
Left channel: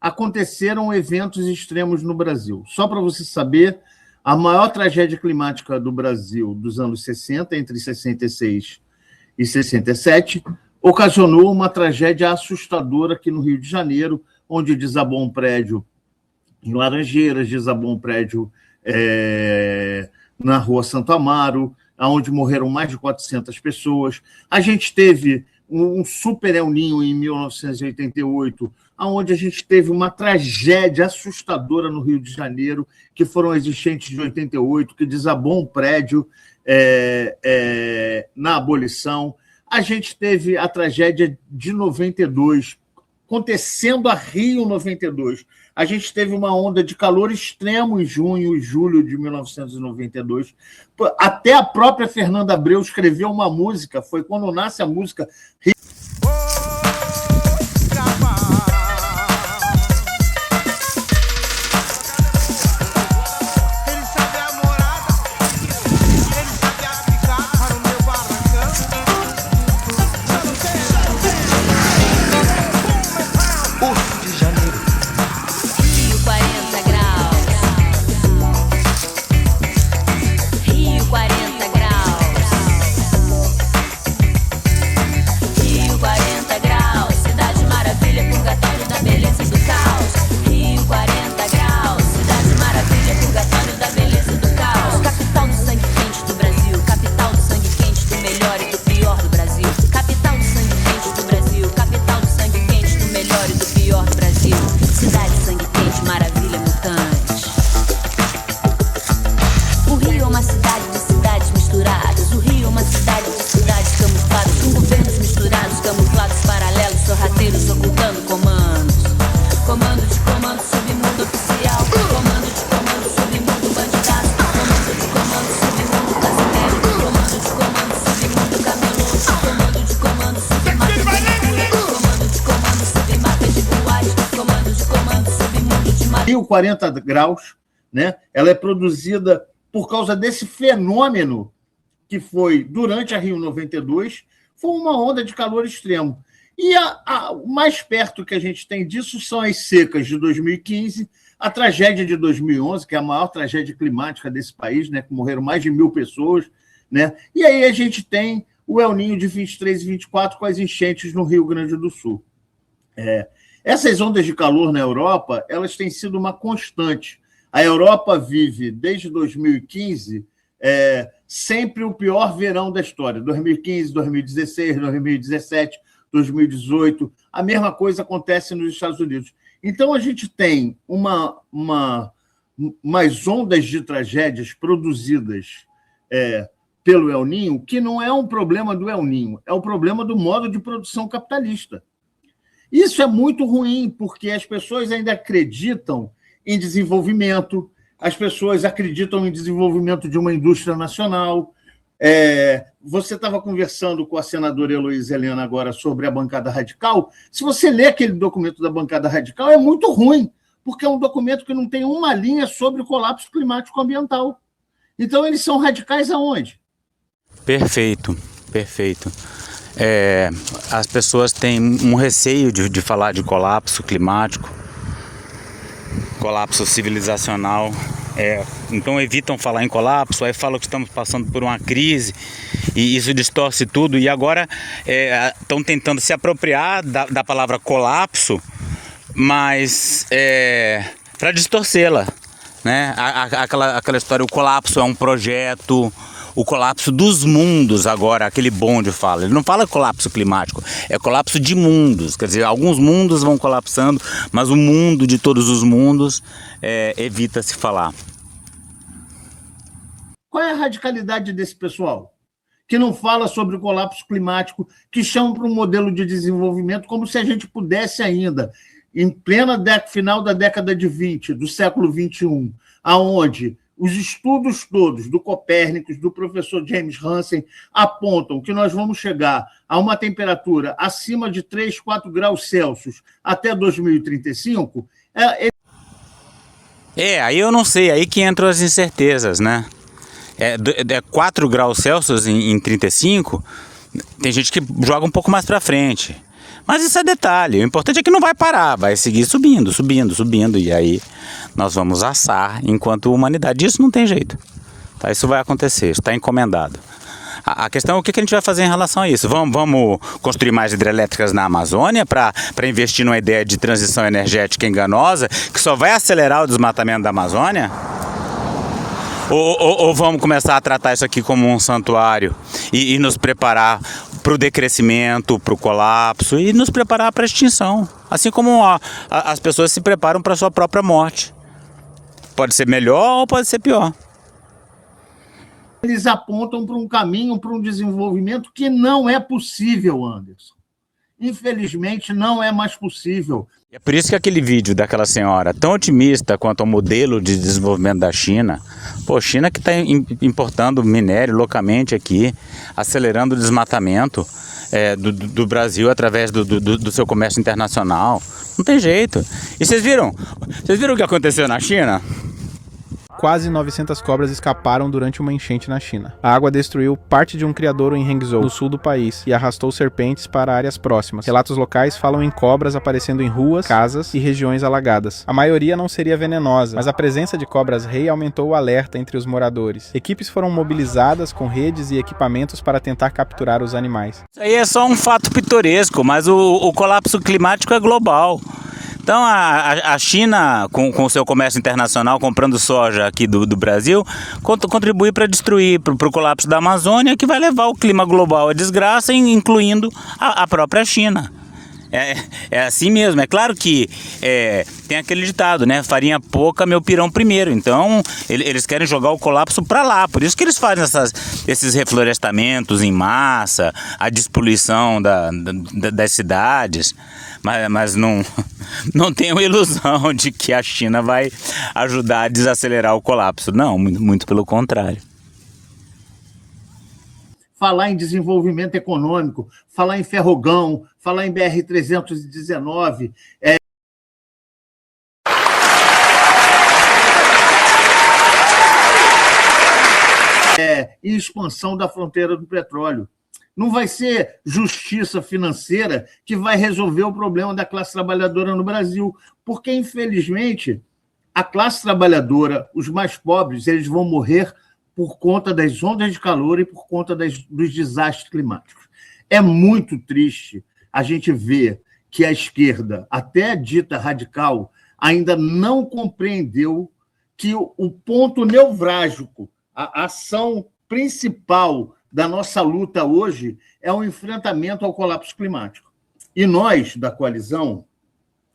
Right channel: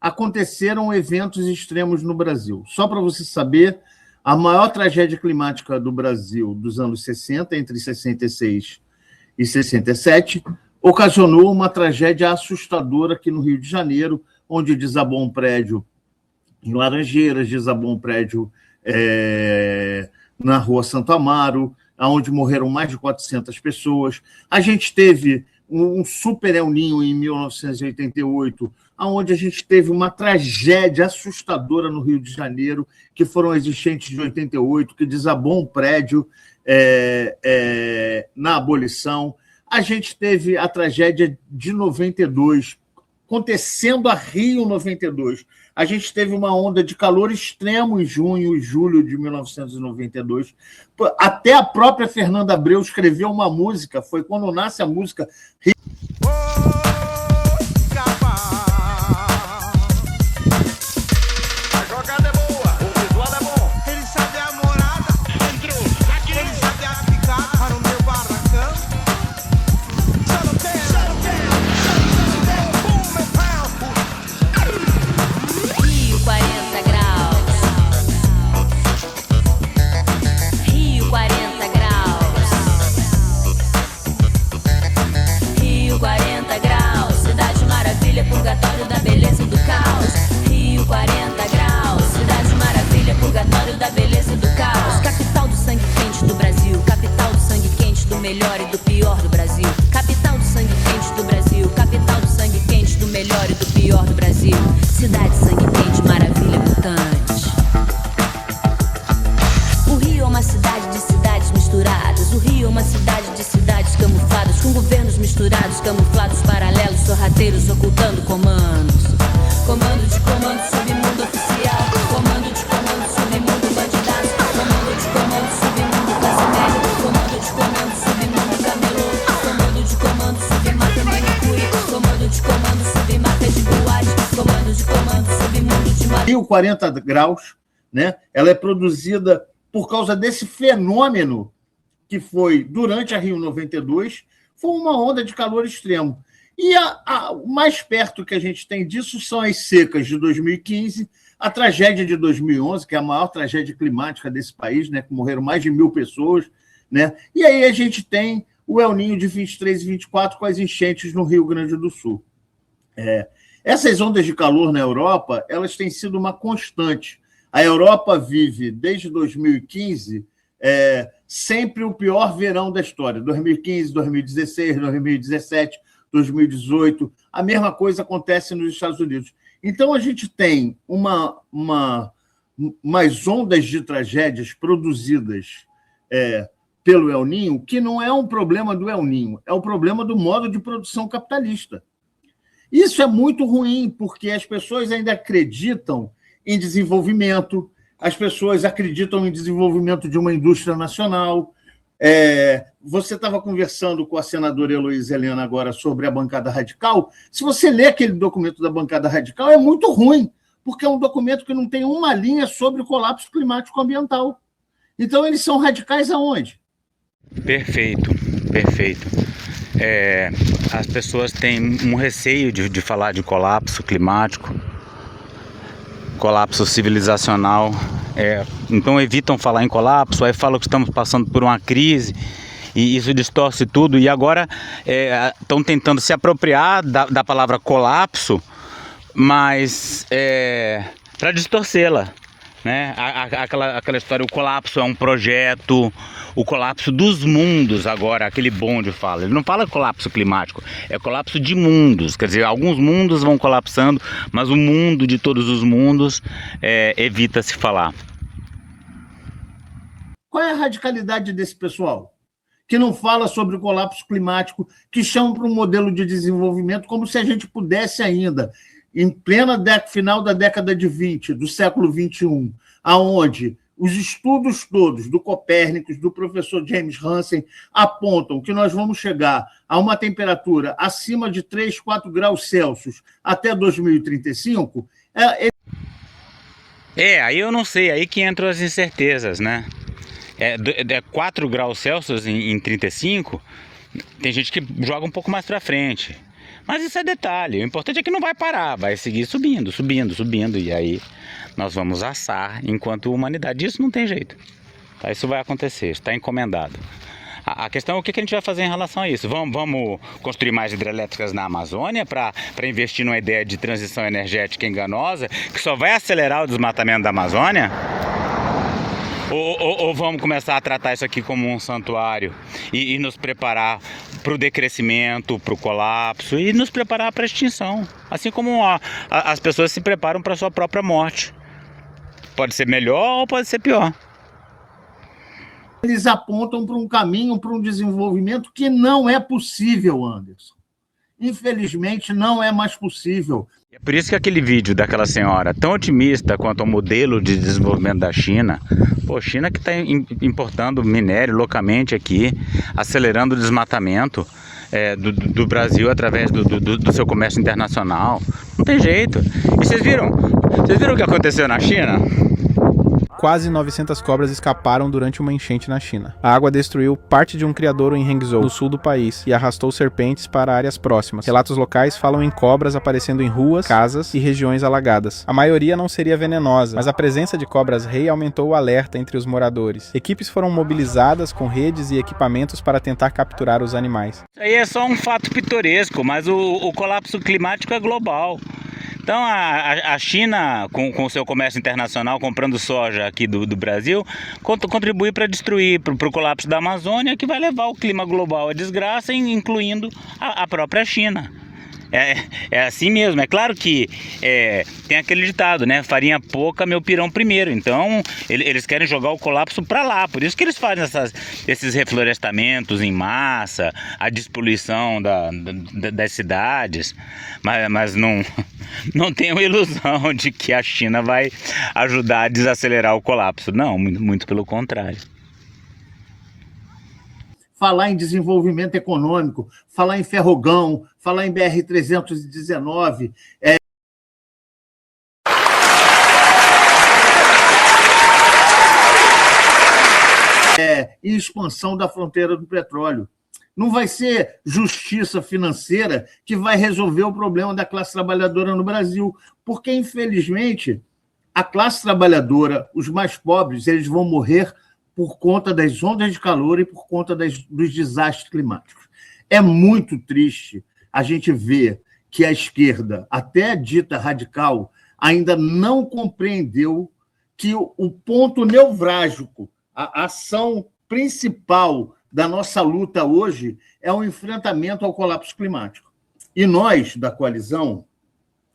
aconteceram eventos extremos no Brasil. Só para você saber, a maior tragédia climática do Brasil dos anos 60, entre 66 e 67, ocasionou uma tragédia assustadora aqui no Rio de Janeiro, onde desabou um prédio em Laranjeiras, desabou um prédio na Rua Santo Amaro, onde morreram mais de 400 pessoas. A gente teve um super El Niño em 1988, onde a gente teve uma tragédia assustadora no Rio de Janeiro, que foram as enchentes de 88, que desabou um prédio na abolição. A gente teve a tragédia de 92, acontecendo a Rio 92. A gente teve uma onda de calor extremo em junho e julho de 1992. Até a própria Fernanda Abreu escreveu uma música, foi quando nasce a música Rio. Rio 40 graus, né? Ela é produzida por causa desse fenômeno que foi durante a Rio 92, foi uma onda de calor extremo. E o mais perto que a gente tem disso são as secas de 2015, a tragédia de 2011, que é a maior tragédia climática desse país, né? Que morreram mais de 1.000 pessoas, né? E aí a gente tem o El Niño de 23 e 24 com as enchentes no Rio Grande do Sul. Essas ondas de calor na Europa, elas têm sido uma constante. A Europa vive, desde 2015, sempre o pior verão da história. 2015, 2016, 2017, 2018. A mesma coisa acontece nos Estados Unidos. Então, a gente tem umas ondas de tragédias produzidas pelo El Niño, que não é um problema do El Niño, é o problema do modo de produção capitalista. Isso é muito ruim, porque as pessoas ainda acreditam em desenvolvimento, as pessoas acreditam em desenvolvimento de uma indústria nacional. Você estava conversando com a senadora Heloísa Helena agora sobre a bancada radical. Se você lê aquele documento da bancada radical, é muito ruim, porque é um documento que não tem uma linha sobre o colapso climático ambiental. Então, eles são radicais aonde? Perfeito, perfeito. As pessoas têm um receio de falar de colapso climático, colapso civilizacional, então evitam falar em colapso, aí falam que estamos passando por uma crise e isso distorce tudo, e agora estão tentando se apropriar da palavra colapso, mas para distorcê-la, né? Aquela história, o colapso é um projeto, o colapso dos mundos agora, aquele bonde fala. Ele não fala colapso climático, é colapso de mundos. Quer dizer, alguns mundos vão colapsando, mas o mundo de todos os mundos evita se falar. Qual é a radicalidade desse pessoal? Que não fala sobre o colapso climático, que chama para um modelo de desenvolvimento como se a gente pudesse ainda, em plena final da década de 20, do século 21, aonde os estudos todos do Copérnicos, do professor James Hansen, apontam que nós vamos chegar a uma temperatura acima de 3, 4 graus Celsius até 2035. Aí eu não sei, aí que entram as incertezas, né? 4 graus Celsius em 35, tem gente que joga um pouco mais para frente. Mas isso é detalhe, o importante é que não vai parar, vai seguir subindo, e aí nós vamos assar enquanto humanidade. Isso não tem jeito, tá? Isso vai acontecer, está encomendado. A questão é o que a gente vai fazer em relação a isso. Vamos construir mais hidrelétricas na Amazônia para investir numa ideia de transição energética enganosa que só vai acelerar o desmatamento da Amazônia? Ou vamos começar a tratar isso aqui como um santuário e nos preparar para o decrescimento, para o colapso e nos preparar para a extinção? Assim como as pessoas se preparam para a sua própria morte. Pode ser melhor ou pode ser pior. Eles apontam para um caminho, para um desenvolvimento que não é possível, Anderson. Infelizmente, não é mais possível. É por isso que aquele vídeo daquela senhora, tão otimista quanto ao modelo de desenvolvimento da China, China que está importando minério loucamente aqui, acelerando o desmatamento do Brasil através do seu comércio internacional. Não tem jeito. E vocês viram o que aconteceu na China? Quase 900 cobras escaparam durante uma enchente na China. A água destruiu parte de um criadouro em Hangzhou, no sul do país, e arrastou serpentes para áreas próximas. Relatos locais falam em cobras aparecendo em ruas, casas e regiões alagadas. A maioria não seria venenosa, mas a presença de cobras-rei aumentou o alerta entre os moradores. Equipes foram mobilizadas com redes e equipamentos para tentar capturar os animais. Isso aí é só um fato pitoresco, mas o colapso climático é global. Então a China, com o seu comércio internacional, comprando soja aqui do Brasil, contribui para destruir, para o colapso da Amazônia, que vai levar o clima global à desgraça, incluindo a própria China. É assim mesmo. É claro que tem aquele ditado, né? Farinha pouca, meu pirão primeiro. Então eles querem jogar o colapso para lá. Por isso que eles fazem esses reflorestamentos em massa, a despoluição das cidades. Mas não tenham ilusão de que a China vai ajudar a desacelerar o colapso. Não, muito pelo contrário. Falar em desenvolvimento econômico, falar em ferrogão, falar em BR-319, e expansão da fronteira do petróleo. Não vai ser justiça financeira que vai resolver o problema da classe trabalhadora no Brasil, porque, infelizmente, a classe trabalhadora, os mais pobres, eles vão morrer por conta das ondas de calor e por conta dos desastres climáticos. É muito triste a gente ver que a esquerda, até dita radical, ainda não compreendeu que o ponto nevrálgico, a ação principal da nossa luta hoje é o enfrentamento ao colapso climático. E nós, da coalizão,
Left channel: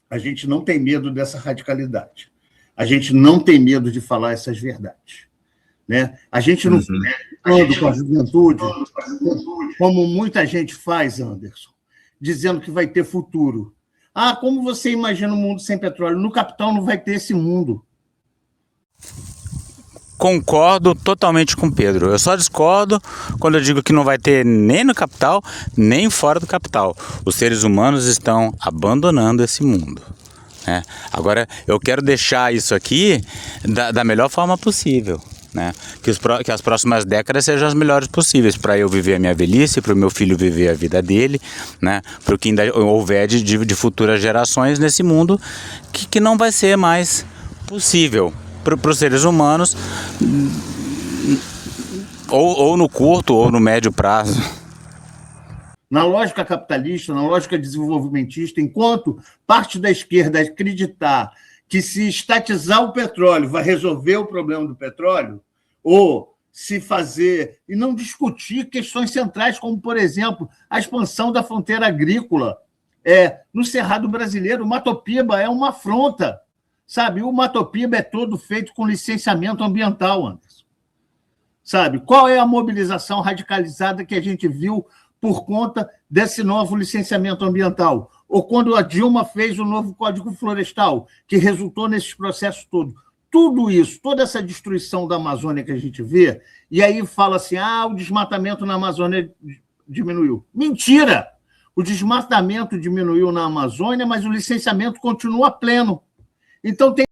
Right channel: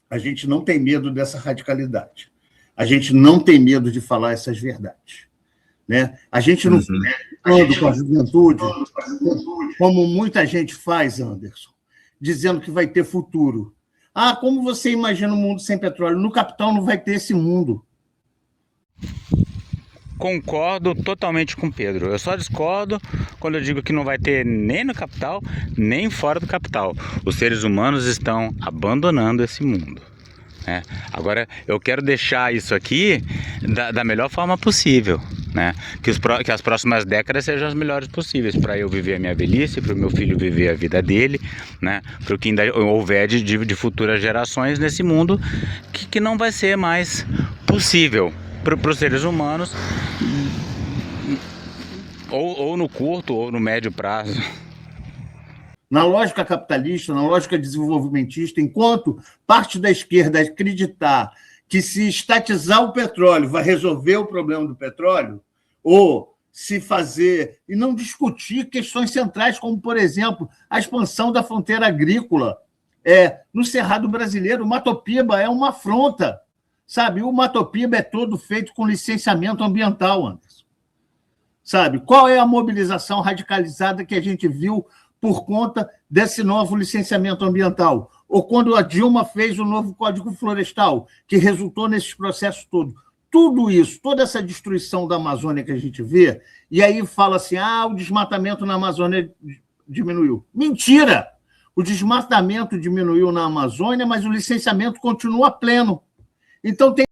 a gente não tem medo dessa radicalidade. A gente não tem medo de falar essas verdades. Né? A gente não fica falando com a juventude, como muita gente faz, Anderson, dizendo que vai ter futuro. Como você imagina um mundo sem petróleo? No capital não vai ter esse mundo. Concordo totalmente com o Pedro. Eu só discordo quando eu digo que não vai ter nem no capital, nem fora do capital. Os seres humanos estão abandonando esse mundo. Né? Agora, eu quero deixar isso aqui da melhor forma possível. Né? Que as próximas décadas sejam as melhores possíveis para eu viver a minha velhice, para o meu filho viver a vida dele, né? Para o que ainda houver de futuras gerações nesse mundo que não vai ser mais possível para os seres humanos, ou no curto ou no médio prazo. Na lógica capitalista, na lógica desenvolvimentista, enquanto parte da esquerda acreditar que se estatizar o petróleo vai resolver o problema do petróleo, ou se fazer e não discutir questões centrais, como, por exemplo, a expansão da fronteira agrícola no Cerrado Brasileiro. O Matopiba é uma afronta, sabe? O Matopiba é todo feito com licenciamento ambiental, Anderson. Sabe? Qual é a mobilização radicalizada que a gente viu por conta desse novo licenciamento ambiental? Ou quando a Dilma fez o novo Código Florestal, que resultou nesses processos todos. Tudo isso, toda essa destruição da Amazônia que a gente vê, e aí fala assim, o desmatamento na Amazônia diminuiu. Mentira! O desmatamento diminuiu na Amazônia, mas o licenciamento continua pleno. Então tem...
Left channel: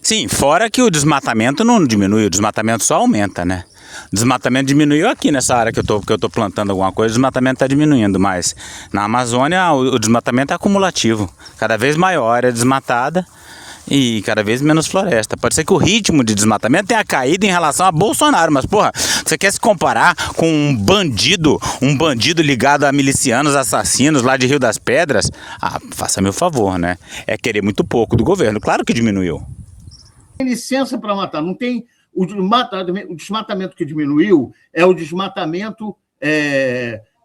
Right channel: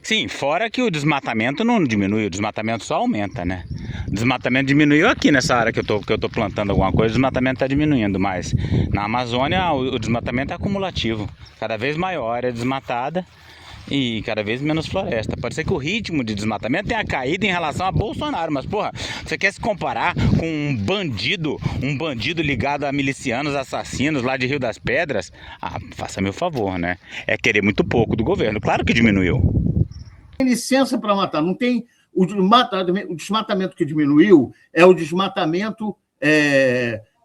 Sim, fora que o desmatamento não diminui, o desmatamento só aumenta, né? Desmatamento diminuiu aqui nessa área que eu tô plantando alguma coisa, o desmatamento está diminuindo, mas na Amazônia o desmatamento é acumulativo, cada vez maior é desmatada e cada vez menos floresta. Pode ser que o ritmo de desmatamento tenha caído em relação a Bolsonaro, mas porra, você quer se comparar com um bandido ligado a milicianos assassinos lá de Rio das Pedras? Ah, faça-me o favor, né? É querer muito pouco do governo, claro que diminuiu. Tem licença para matar, não tem... O desmatamento que diminuiu é o desmatamento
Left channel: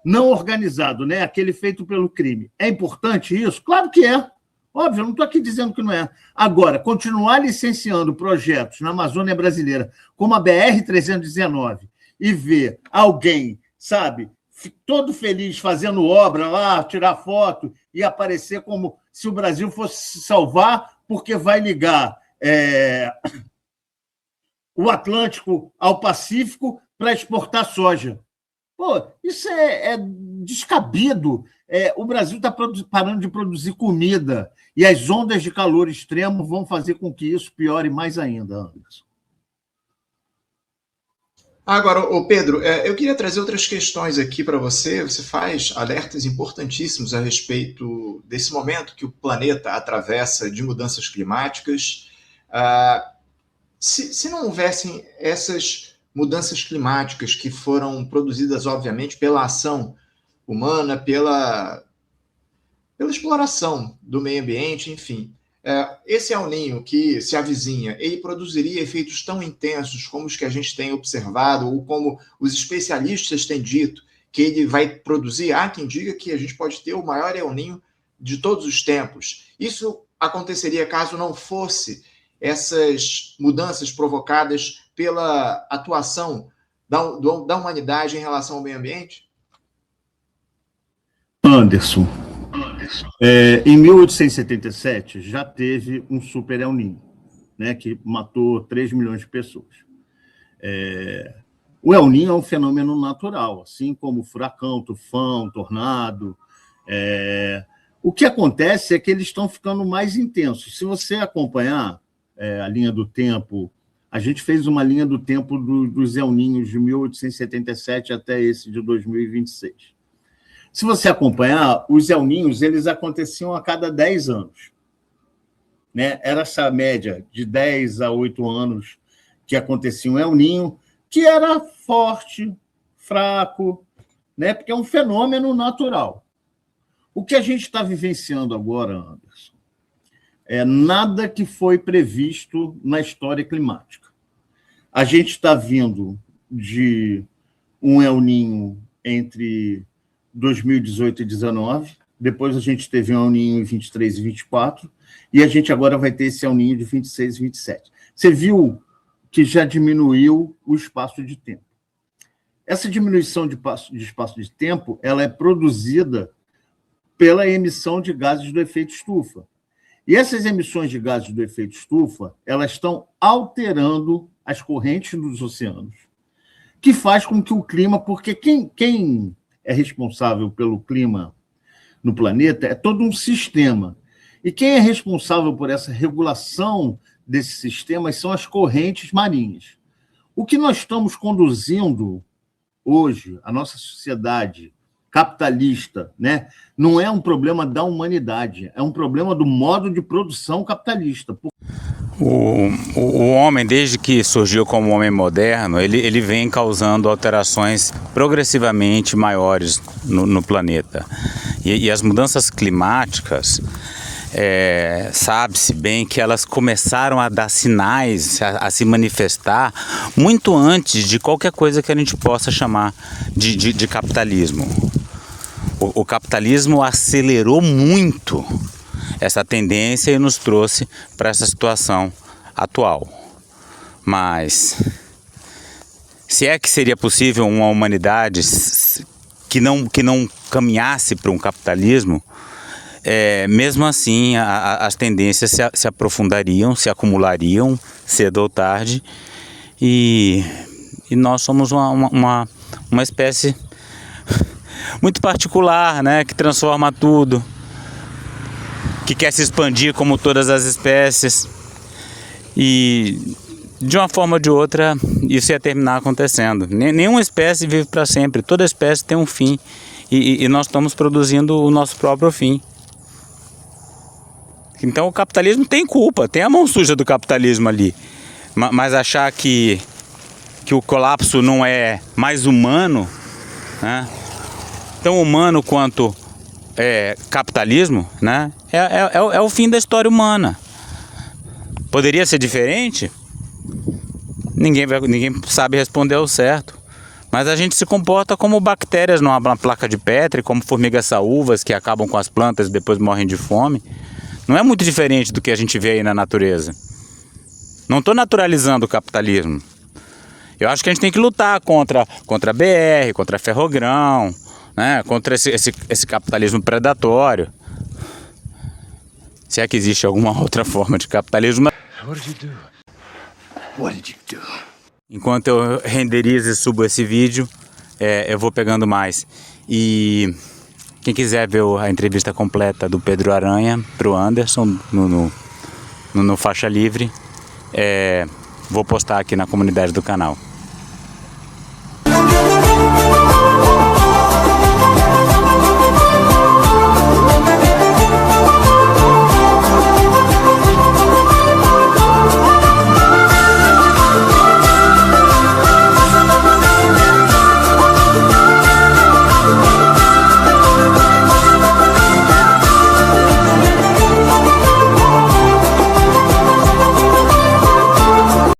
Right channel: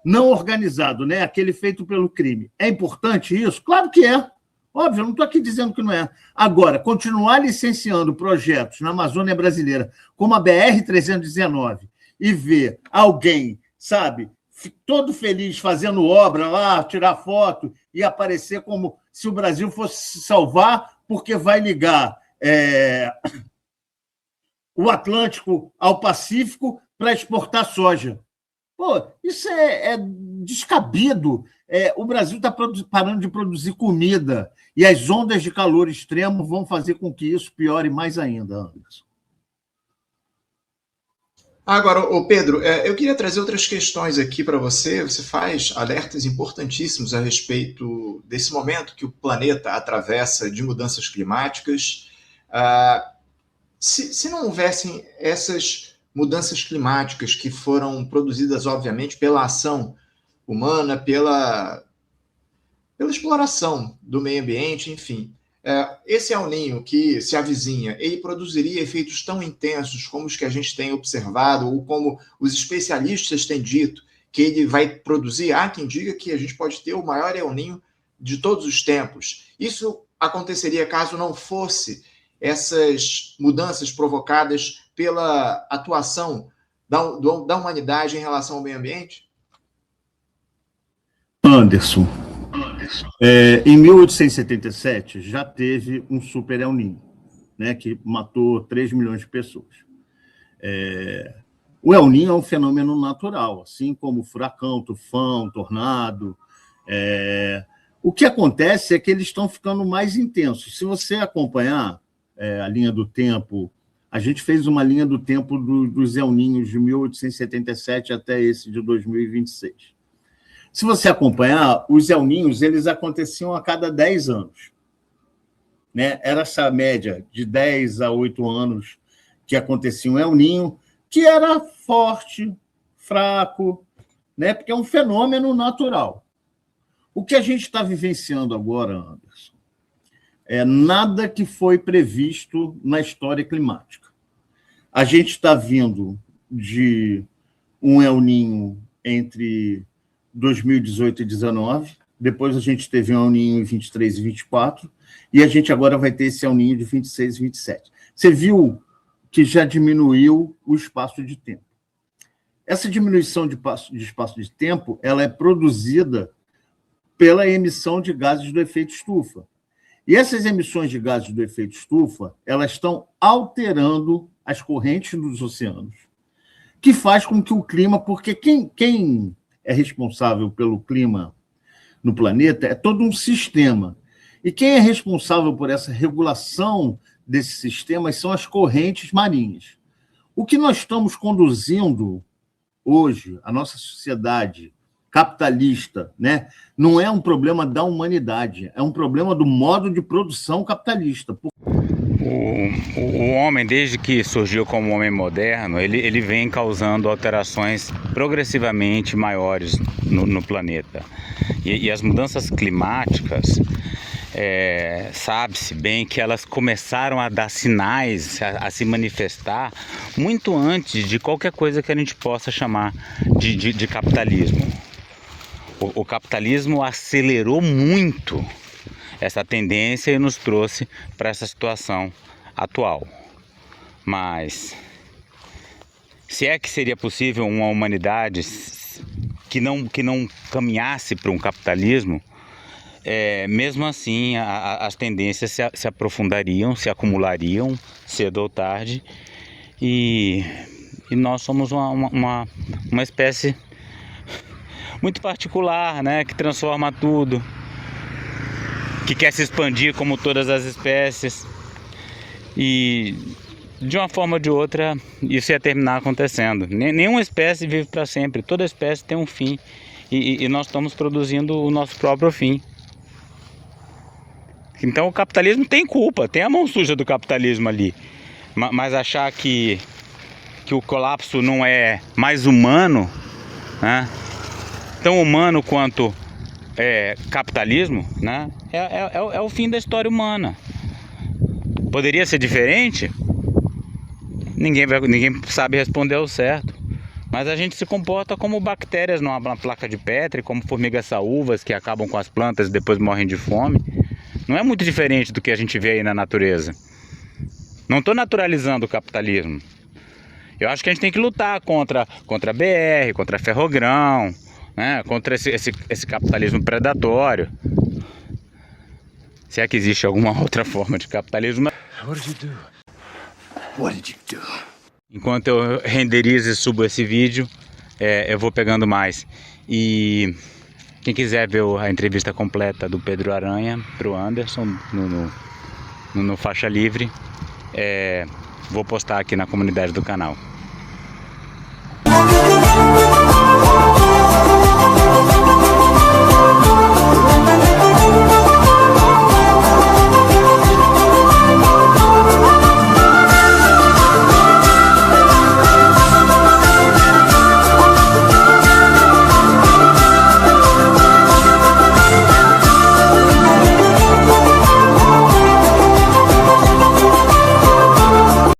não organizado, né? Aquele feito pelo crime. É importante isso? Claro que é. Óbvio, eu não estou aqui dizendo que não é. Agora, continuar licenciando projetos na Amazônia brasileira, como a BR-319, e ver alguém, sabe, todo feliz fazendo obra lá, tirar foto e aparecer como se o Brasil fosse se salvar porque vai ligar o Atlântico ao Pacífico para exportar soja. Pô, isso é descabido. O Brasil está parando de produzir comida e as ondas de calor extremo vão fazer com que isso piore mais ainda, Anderson. Agora, Pedro, eu queria trazer outras questões aqui para você. Você faz alertas importantíssimos a respeito desse momento que o planeta atravessa de mudanças climáticas. Se não houvessem essas mudanças climáticas que foram produzidas, obviamente, pela ação humana, pela exploração do meio ambiente, enfim, esse El Niño que se avizinha, ele produziria efeitos tão intensos como os que a gente tem observado, ou como os especialistas têm dito que ele vai produzir? Há quem diga que a gente pode ter o maior El Niño de todos os tempos. Isso aconteceria caso não fosse essas mudanças provocadas pela atuação da humanidade em relação ao meio ambiente? Anderson, em 1877 já teve um super El Niño, né, que matou 3 milhões de pessoas. O El Niño é um fenômeno natural, assim como furacão, tufão, tornado. O que acontece é que eles estão ficando mais intensos. Se você acompanhar a linha do tempo, a gente fez uma linha do tempo dos El Niños de 1877 até esse de 2026. Se você acompanhar, os El Niños, eles aconteciam a cada 10 anos. Né? Era essa média de 10 a 8 anos que acontecia um El Niño, que era forte, fraco, né? Porque é um fenômeno natural. O que a gente está vivenciando agora, Anderson, é nada que foi previsto na história climática. A gente está vindo de um El Niño entre 2018 e 2019, depois a gente teve um El Niño em 23 e 24, e a gente agora vai ter esse El Niño de 26 e 27. Você viu que já diminuiu o espaço de tempo. Essa diminuição de espaço de tempo ela é produzida pela emissão de gases do efeito estufa. E essas emissões de gases do efeito estufa, elas estão alterando as correntes dos oceanos, que faz com que o clima... Porque quem é responsável pelo clima no planeta é todo um sistema. E quem é responsável por essa regulação desses sistemas são as correntes marinhas. O que nós estamos conduzindo hoje, a nossa sociedade capitalista, né, não é um problema da humanidade, é um problema do modo de produção capitalista. O homem, desde que surgiu como homem moderno, ele vem causando alterações progressivamente maiores no planeta. E as mudanças climáticas, sabe-se bem que elas começaram a dar sinais, a se manifestar muito antes de qualquer coisa que a gente possa chamar de capitalismo. O capitalismo acelerou muito essa tendência e nos trouxe para essa situação atual. Mas se é que seria possível uma humanidade que não caminhasse para um capitalismo, mesmo assim as tendências se aprofundariam, se acumulariam cedo ou tarde, e nós somos uma espécie muito particular, né, que transforma tudo, que quer se expandir como todas as espécies, e de uma forma ou de outra, isso ia terminar acontecendo. Nenhuma espécie vive para sempre, toda espécie tem um fim. E nós estamos produzindo o nosso próprio fim. Então o capitalismo tem culpa, tem a mão suja do capitalismo ali. Mas achar que o colapso não é mais humano, né? Tão humano quanto capitalismo, né? É o fim da história humana. Poderia ser diferente? Ninguém sabe responder ao certo. Mas a gente se comporta como bactérias numa placa de Petri, como formigas saúvas que acabam com as plantas e depois morrem de fome. Não é muito diferente do que a gente vê aí na natureza. Não estou naturalizando o capitalismo. Eu acho que a gente tem que lutar contra a BR, contra a Ferrogrão, né? Contra esse capitalismo predatório. Se é que existe alguma outra forma de capitalismo. What did you do? What did you do? Enquanto eu renderizo e subo esse vídeo, eu vou pegando mais. E quem quiser ver a entrevista completa do Pedro Aranha pro Anderson no Faixa Livre, vou postar aqui na comunidade do canal.